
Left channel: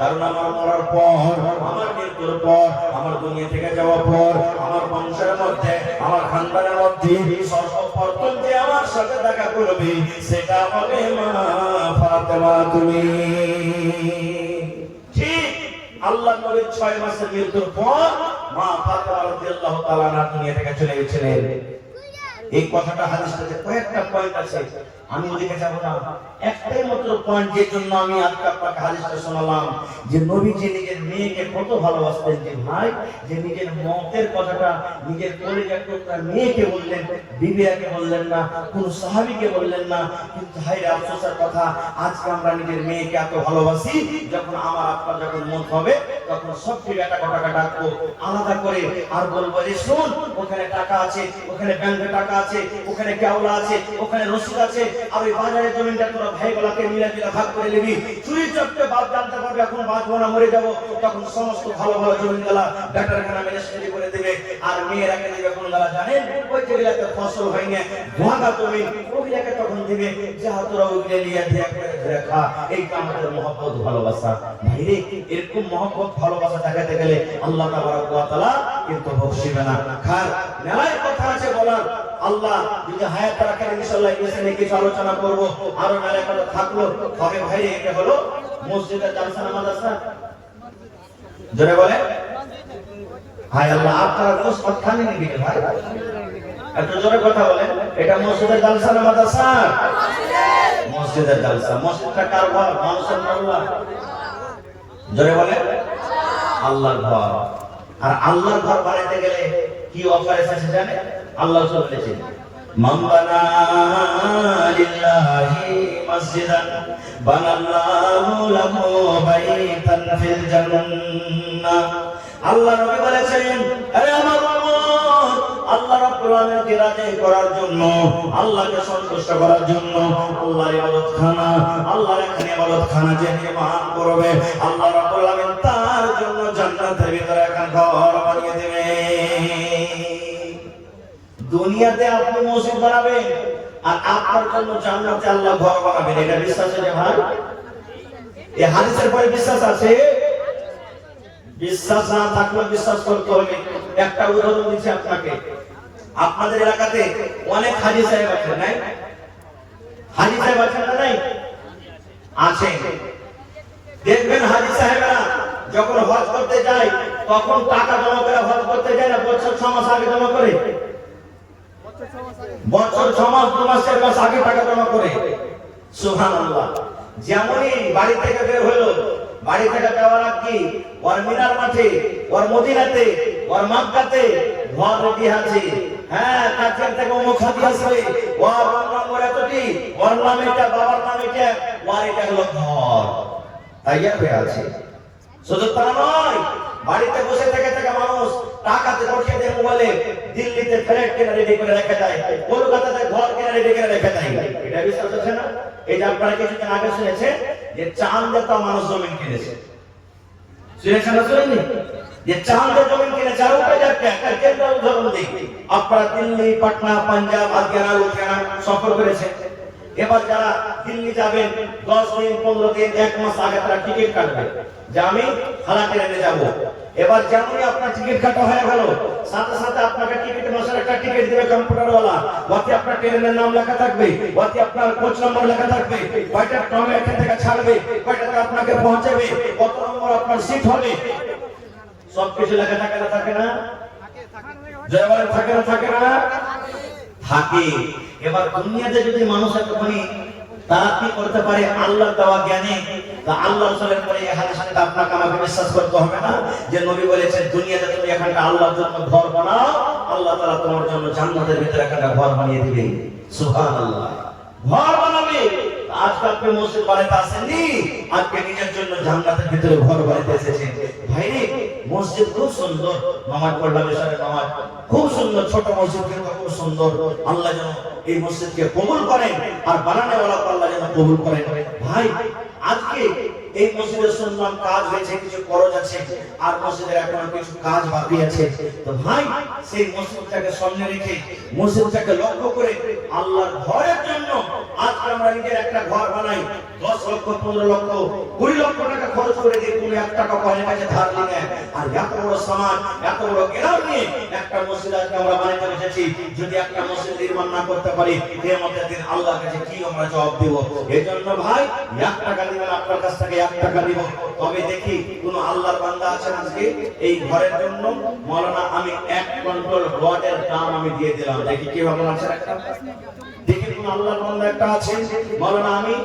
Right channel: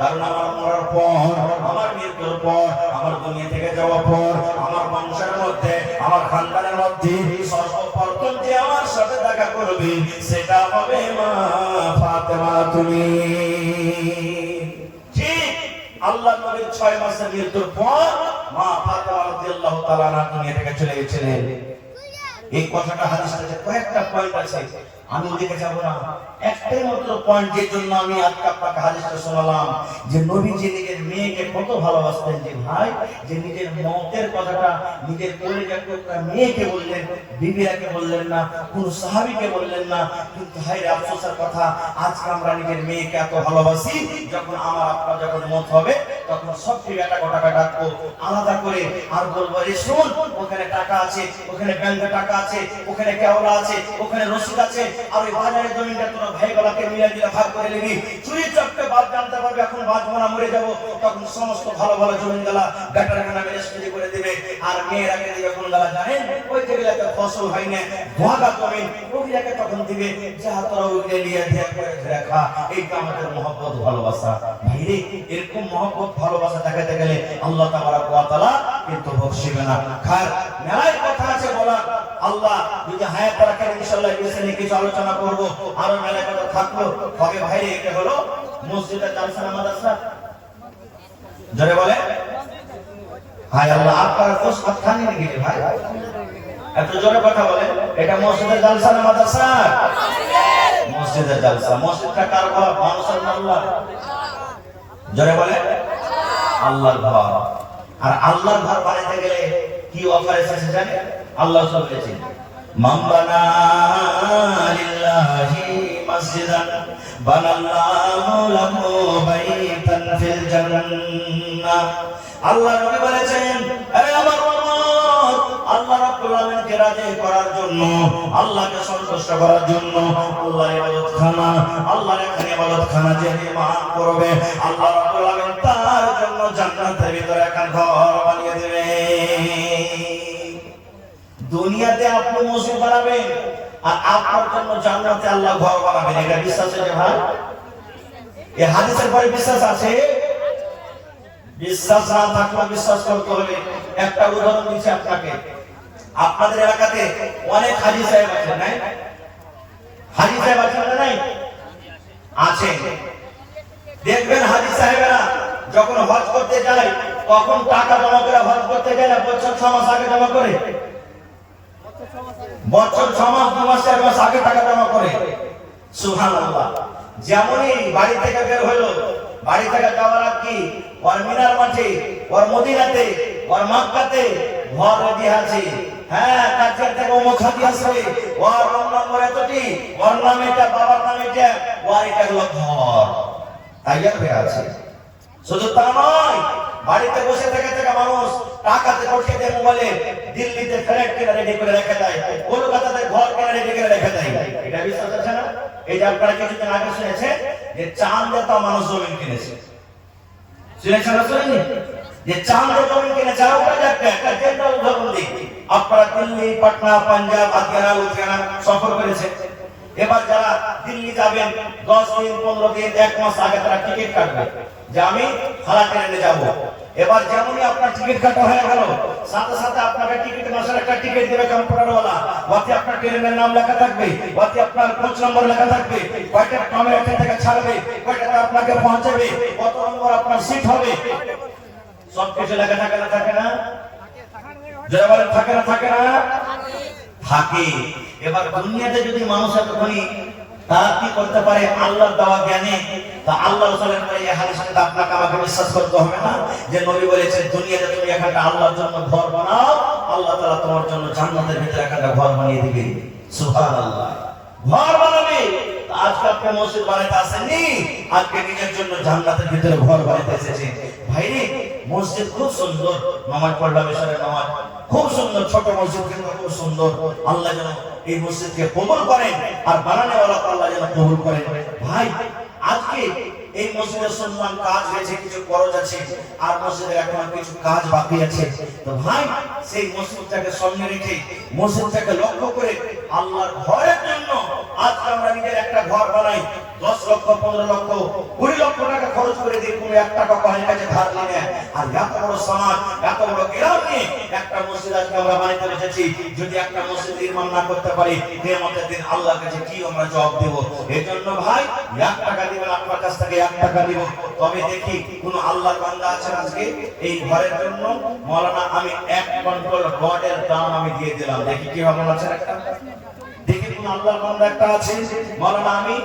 কারণ আমার মরার পর, আমার মৃত্যুর পর, আমার দুনিয়া থেকে যাওয়ার পর, আমার বংশের মধ্যে, আমার খানদানের মধ্যে সর্বপ্রথম যে আমার সাথে দেখা করবে, সেটা হবে মা ফাতেমা তুমি। ঠিক আল্লাহ নবীর 6 মাসের মৃত্যুর পর মা ফাতেমা রাদিয়াল্লাহু তাআলা আনহা দুনিয়া থেকে চলে গেছিলেন। এই কথাটা হাদিসে কয়েকটা পয়েন্ট আছে, আমি ওদিকে যাব না। একটাই মাত্র পয়েন্ট, যে জন্য আমি আজকে আপনাকে হাদিসটা শোনালাম, যে নবীজি নিজের মেয়েকে কত ভালোবাসতেন। যে ভাই, যে নিজের মতের কথাটা নিজের কলিজার টুকরা মেয়েকে বললেন, বিবিয়াকে বললেন না, কোন সাহাবীকে বললেন না। কিন্তু ভাই আফসোসের কথা, আজকে আমরা নিজের মেয়েকে এত ভালোবাসি, যখন আমার আপা যখন মত হবে, তখন সবকে একটা কথা ডাকবো আলাদা করে, আর বলবো, রে শোন, ওখানে টাকা আছে, ওখানে ব্যাংকে টাকা আছে, ওখানে কেওলা আছে, ওখানে রসিদ আছে, আর ওই বাজারে জমিনটা তোর ভাইগুলোকে মিলে দিলে ভাগ করে নিবি। চুরি চটকে বাদ জানতে পারবে, এখন বাঁচবো না, মরে যাবো, তখন সমস্ত ভালো ভালো জমিনগুলা বেটার খানা রেজিস্ট্রি করে দেবে। আর মেয়েরাকে দিবে কোনগুলা জানেন, ওই যেগুলাতে ফসল হয় না, ভাগা জমিন, ওইগুলাকে তখন দিবে, যা তোরা ওইগুলো নিয়ে দিয়ে করে ধরে খা। এইটা আমাদের মহব্বত ভালোবাসা। ভাইরে, এরকম মহব্বত ভালোবাসা দেখাতে গেলে আল্লাহ তাবারক ওয়া তাআলা কিন্তু বকশিবে না। খার মেলায় কথা আছে বলার, আল্লাহ যদি হায়াত রাখেন ইনশাআল্লাহ এই বিষয়ে কিছু আলোচনা করব, আরো মেলায় কথা থাকলো। তবে ভাই, এটা হলো মসজিদের জালসা মাদ্রাসা, যারা বলে ভাই আল্লাহ আপনার প্রস্তাব খানি নাকি ভাই, এত জোরে কথা বলে, এটা মসজিদের জালসা না মাদ্রাসা? মসজিদের জালসা। মসজিদটা কার ঘর? মানুষের আল্লাহ, জোরে বলে আল্লাহর ঘর। আর আল্লাহর ঘর বানাইতে গেলে কি অফার এসেছে জানেন? আল্লাহ বলেছেন, মান বানা লিল্লাহি মসজিদান বানাল্লাহু লাহু বাইতান ফিল জান্নাহ। আল্লাহ নবী বলেছেন, আরে আমার উম্মত, আল্লাহ রাব্বুল আলামিনকে রাজি করার জন্য, আল্লাহকে সন্তুষ্ট করার জন্য আল্লাহর ইবাদতখানা, আল্লাহর ইবাদতখানা যে নির্মাণ করবে, আল্লাহ রাব্বুল আলামিন তার জন্য জান্নাতের ভিতরে একটা ঘর বানিয়ে দেবে। দুনিয়াতে আপনি মসজিদ বানাবেন, আর আপনার জন্য জান্নাতে আল্লাহ ঘর বানাবেন। এটা বিশ্বাস আছে ভাই? এই হাদিসের পরে বিশ্বাস আছে? বিশ্বাস না থাকলে বিশ্বাস করতে হবে। একটা উদাহরণ দিচ্ছি আপনাকে। আপনাদের এলাকাতে অনেক হাজী সাহেব আছেন, না? হাজী সাহেব আছেন না? নাই আছে। দেখবেন হাজী সাহেবরা যখন হজ করতে যায়, তখন টাকা জমা করে হজ করতে যায় না, বছর 6 মাস আগে জমা করে। বছর 6 মাস 2 মাস 4 মাস আগে টাকা জমা করে। সুবহানাল্লাহ। যেমনই বাড়ি থেকে বের হলো, বাড়ি থেকে যাওয়ার আগে ওর মিনার মাঠে, ওর মদিনাতে, ওর মক্কাতে ঘর রেডি আছে। হ্যাঁ, কাছে থেকে মুখাতি আসবে, ওর নম্বর এতটি, ওর নাম এটা, বাবার নাম এটা, ওর এটা হলো ঘর। আইয়ার বের আছে। শুধু তাই নয়, বাড়িতে বসে থেকে মানুষ টাকাতে পড়ে দেয়, মোবাইলে দিল্লিতে ফ্ল্যাট কিনে রেডি করে রেখে দেয়, কলকাতাতে ঘর কিনে রেডি করে রেখে দেয়। এটা বিশ্বাস আছে না? এই যে আপনারা কিছুদিন আগে শুনেছে যে চাঁদে মানুষ জমি কিনেছে, শুনেছেন না? শুনেননি যে চাঁদে জমি কিনেছে? একটা জেনারেল উদাহরণ দিই। আপনারা দিল্লি, পাটনা, পাঞ্জাব, হারিয়ানা, লুধিয়ানা সফর করেছে। এবার যারা দিল্লি যাবেন 10 দিন 15 দিন 1 মাস আগে তারা টিকিট কাটবে যে আমি হালা ট্রেনে যাব। এবার যেমনই আপনার টিকিট কাটা হয়ে গেল, সাথে সাথে আপনাকে টিকিট মাসের একটা টিকিট দেবে কম্পিউটারওয়ালা, ওতে আপনার ট্রেনের নাম লেখা থাকবে, ওতে আপনার কোচ নম্বর লেখা থাকবে, কয়টা ট্রেনে এখান থেকে ছাড়বে, কয়টাতে আপনাকে পৌঁছাবে, কত নম্বর আপনার সিট হবে, সব কিছু লেখা থাকে না? থাকে না? যেমন থাকে না? থাকে না? থাকে। এবার দুনিয়াতে যদি মানুষ এতখানি তারা কি করতে পারে আল্লাহর দেওয়া জ্ঞানে, তা আল্লাহ রাসূলের এই হাদিসটা আপনাকে আমাকে বিশ্বাস করতে হবে না যে নবী বলেছেন দুনিয়াতে তুমি একটা আল্লাহর জন্য ঘর বানাও, আল্লাহ তাআলা তোমার জন্য জান্নাতের ভিতরে একটা ঘর বানিয়ে দিবেন। সুবহানাল্লাহ। ঘর বানাবে। আজকে আপনি মসজিদ বানাইতে আসেননি, আজকে নিজের জন্য জান্নাতের ভিতরে ঘর বানাইতে এসেছেন। ভাই রে, মসজিদ খুব সুন্দর, নামাজ পড়লাম, এশারের নামাজ খুব সুন্দর, ছোট মসজিদ কিন্তু খুব সুন্দর। আল্লাহ যেন এই মসজিদকে কবুল করেন, আর বানানোওয়ালা আল্লাহ যেন কবুল করেন। ভাই, আজকে এই মসজিদের শুনলাম কাজ হয়েছে, কিছু খরচ আছে, আর মসজিদের এখন কিছু কাজ বাকি আছে। তো ভাই, সেই মসজিদটাকে সামনে রেখে, মসজিদটাকে লক্ষ্য করে আল্লাহর ঘরের জন্য আজকে আমরা নিজের একটা ঘর বানাই, 10 লক্ষ 15 লক্ষ 20 লক্ষ টাকা খরচ করে দিয়ে কোনো 1 টাকা কোনের কাছে ধার নিয়ে, আর এত বড় সমাজ, এত বড় গ্রাম নিয়ে একটা মসজিদ আজকে আমরা বানাইতে এসেছি। যদি একটা মসজিদ নির্মাণ না করতে পারি, কিয়ামতের দিন আল্লাহর কাছে কি আমরা জবাব দেব? এজন্য ভাই, 1 টাকা দিবেন, আপনার কাছ থেকে 1 টাকা দিব। তবে দেখি কোন আল্লাহর বান্দা আছেন আজকে এই ঘরের জন্য, মাওলানা আমি 1 কন্ট্রোল রডের দাম আমি দিয়ে দিলাম, দেখি কি হবে আছেন একটা? দেখি কোন আল্লাহর বান্দা একটা আছে, মাওলানা আমি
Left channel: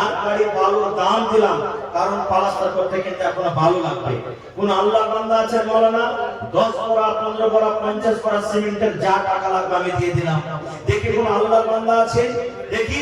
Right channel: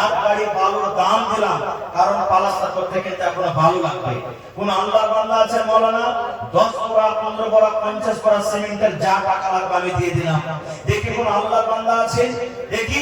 1 গাড়ি বালুর দাম দিলাম, কারণ পালাস্তার করতে কিন্তু এখন ভালো লাগবে। কোন আল্লাহর বান্দা আছে মাওলানা 10 বড়া 15 বড়া 50 বড়া সিমেন্টের যা টাকা লাগবে আমি দিয়ে দিলাম। দেখি কোন আল্লাহর বান্দা আছে, দেখি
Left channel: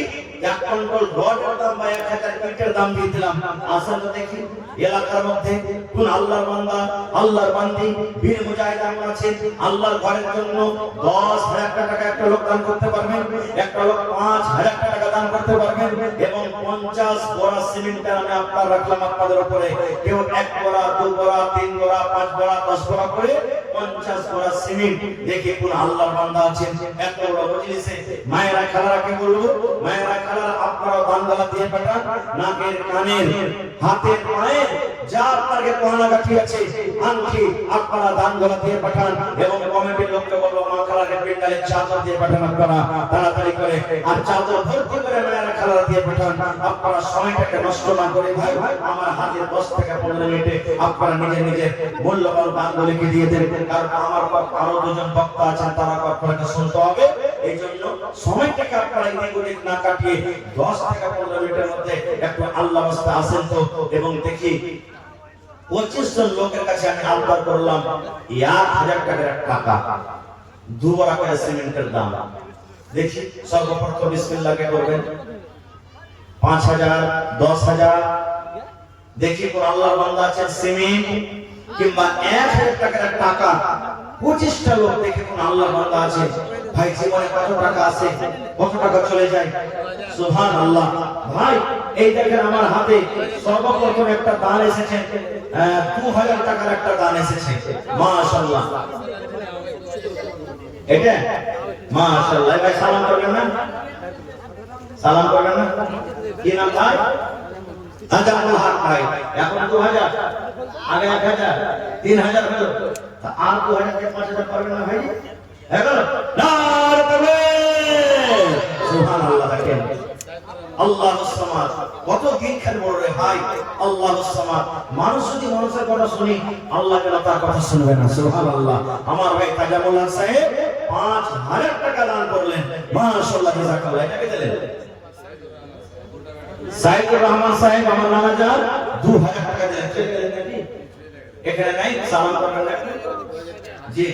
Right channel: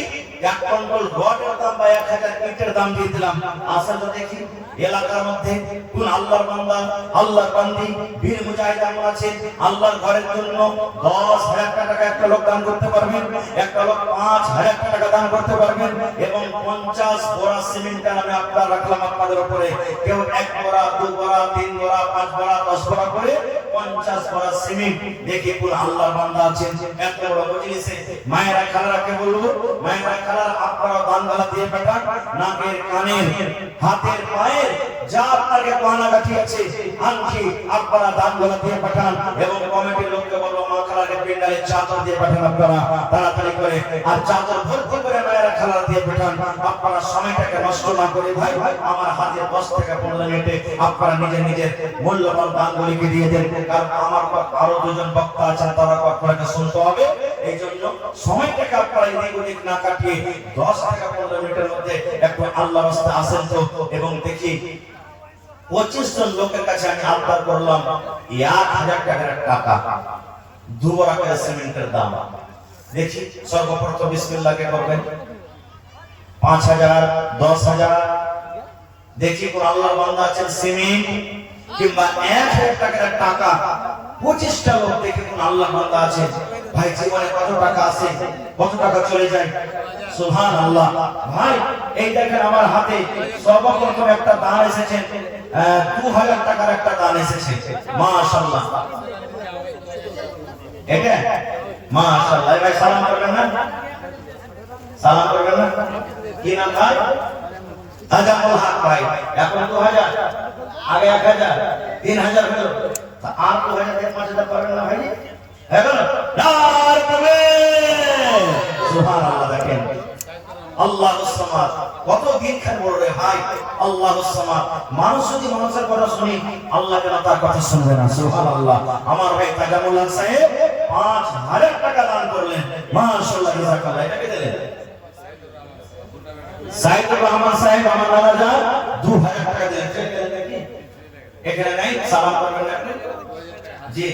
1 কন্ট্রোল রডের দাম বা 1000 ইটের দাম দিয়ে দিলাম। আসলে দেখি এলাকার মধ্যে কোন আল্লাহর বান্দা, আল্লাহর বান্দি, বীর মুজাহিদ আমরা আছে, আল্লাহর ঘরের জন্য 10,000 টাকা একটা লোক দান করতে পারবেন, একটা লোক 5,000 টাকা দান করতে পারবেন, এবং 50 বড়া সিমেন্ট আমি আপনার রাখলাম আপনাদের উপরে। কেউ 1 বড়া 2 বড়া 3 বড়া 5 বড়া 10 বড়া করে 50 বড়া সিমেন্ট। দেখি কোন আল্লাহর বান্দা আছেন এত বড় মজলিসে। মায়েরা খালারাকে বলবো, মায়েরা খালারা আপনারা দান দিয়ে পাঠান, নাকের কানের হাতের পায়ে যা আপনাকে পাওনা বাকি আছে আনকি আপনারা দান দিয়ে পাঠান, এবং কমিটির লোককে বলবো মা খালাকে পেন্ডালে চাদর দিয়ে পাঠান আপনারা তাড়াতাড়ি করে, আর চাদর ভর্তি করে মায়েরা খালারা দিয়ে পাঠান। আপনারা সময়টাকে নষ্ট না করে ভাই, আমার হাতে 10 থেকে 15 মিনিটে আপনারা নিজে মূল্যবান দানগুলিকে দিয়ে দেন, কারণ আমার আরো 2 জন বক্তা আছেন, তারা আপনাকে শুনতে হবে। এই জন্য সময়টাকে আপনারা এদিক না কাটিয়ে 10 থেকে 15 মিনিটের মধ্যে একটু আল্লাহর রাস্তায় আসেন তো। এবং দেখি 25 জন লোকের কাছে আমি আবদার করলাম 1000 টাকার টাকা, 2 বড়া করে সিমেন্টের দাম। দেখি সর্বপ্রথম বিসমিল্লাহকে করবেন 5000 10,000। দেখি কোন আল্লাহর বান্দা আছেন সিমেন্ট কিংবা 1000 টাকার টাকা 25টা লোক, দেখি কোন আল্লাহর বান্দা আছে। ভাই জীবনে কত টাকা আছে, কত টাকা চলে যায়, সুবহানাল্লাহ। ভাই এই দেখেন আমার হাতে সর্বপ্রথম একটা দান এসেছে, 2000 টাকার একটা দান এসেছে, মাশাআল্লাহ। এটা মাশাআল্লাহ। ভাই সালাম করবেন না, সালাম করবেন না? কি নাম ভাই? আচ্ছা হাত ভাই, এখন 2000, আগে 1000, 3000 হলো, তা আর 2000 থেকে 5000 পারবেন না ভাই? এখন নারে তাকবীর, সুবহানাল্লাহ। দেখেন আল্লাহুস সামাদ, কত দিন খান বড় রে ভাই, আল্লাহুস সামাদ। মানুষ যদি মানুষের কথা শুনি, আল্লাহ যেন তার কথা শুনবে না, সুবহানাল্লাহ। আমার ভাই তাজামুল সাহেব 5,000 টাকা দান করলেন। মাশাআল্লাহ, জাযাকাল্লাহ। এটাকে দিলেন সাইদুর রহমান সাহেব, আমার নানা যান 2000 টাকা দিলেন। এখানে নাই সালাম করবেন জি।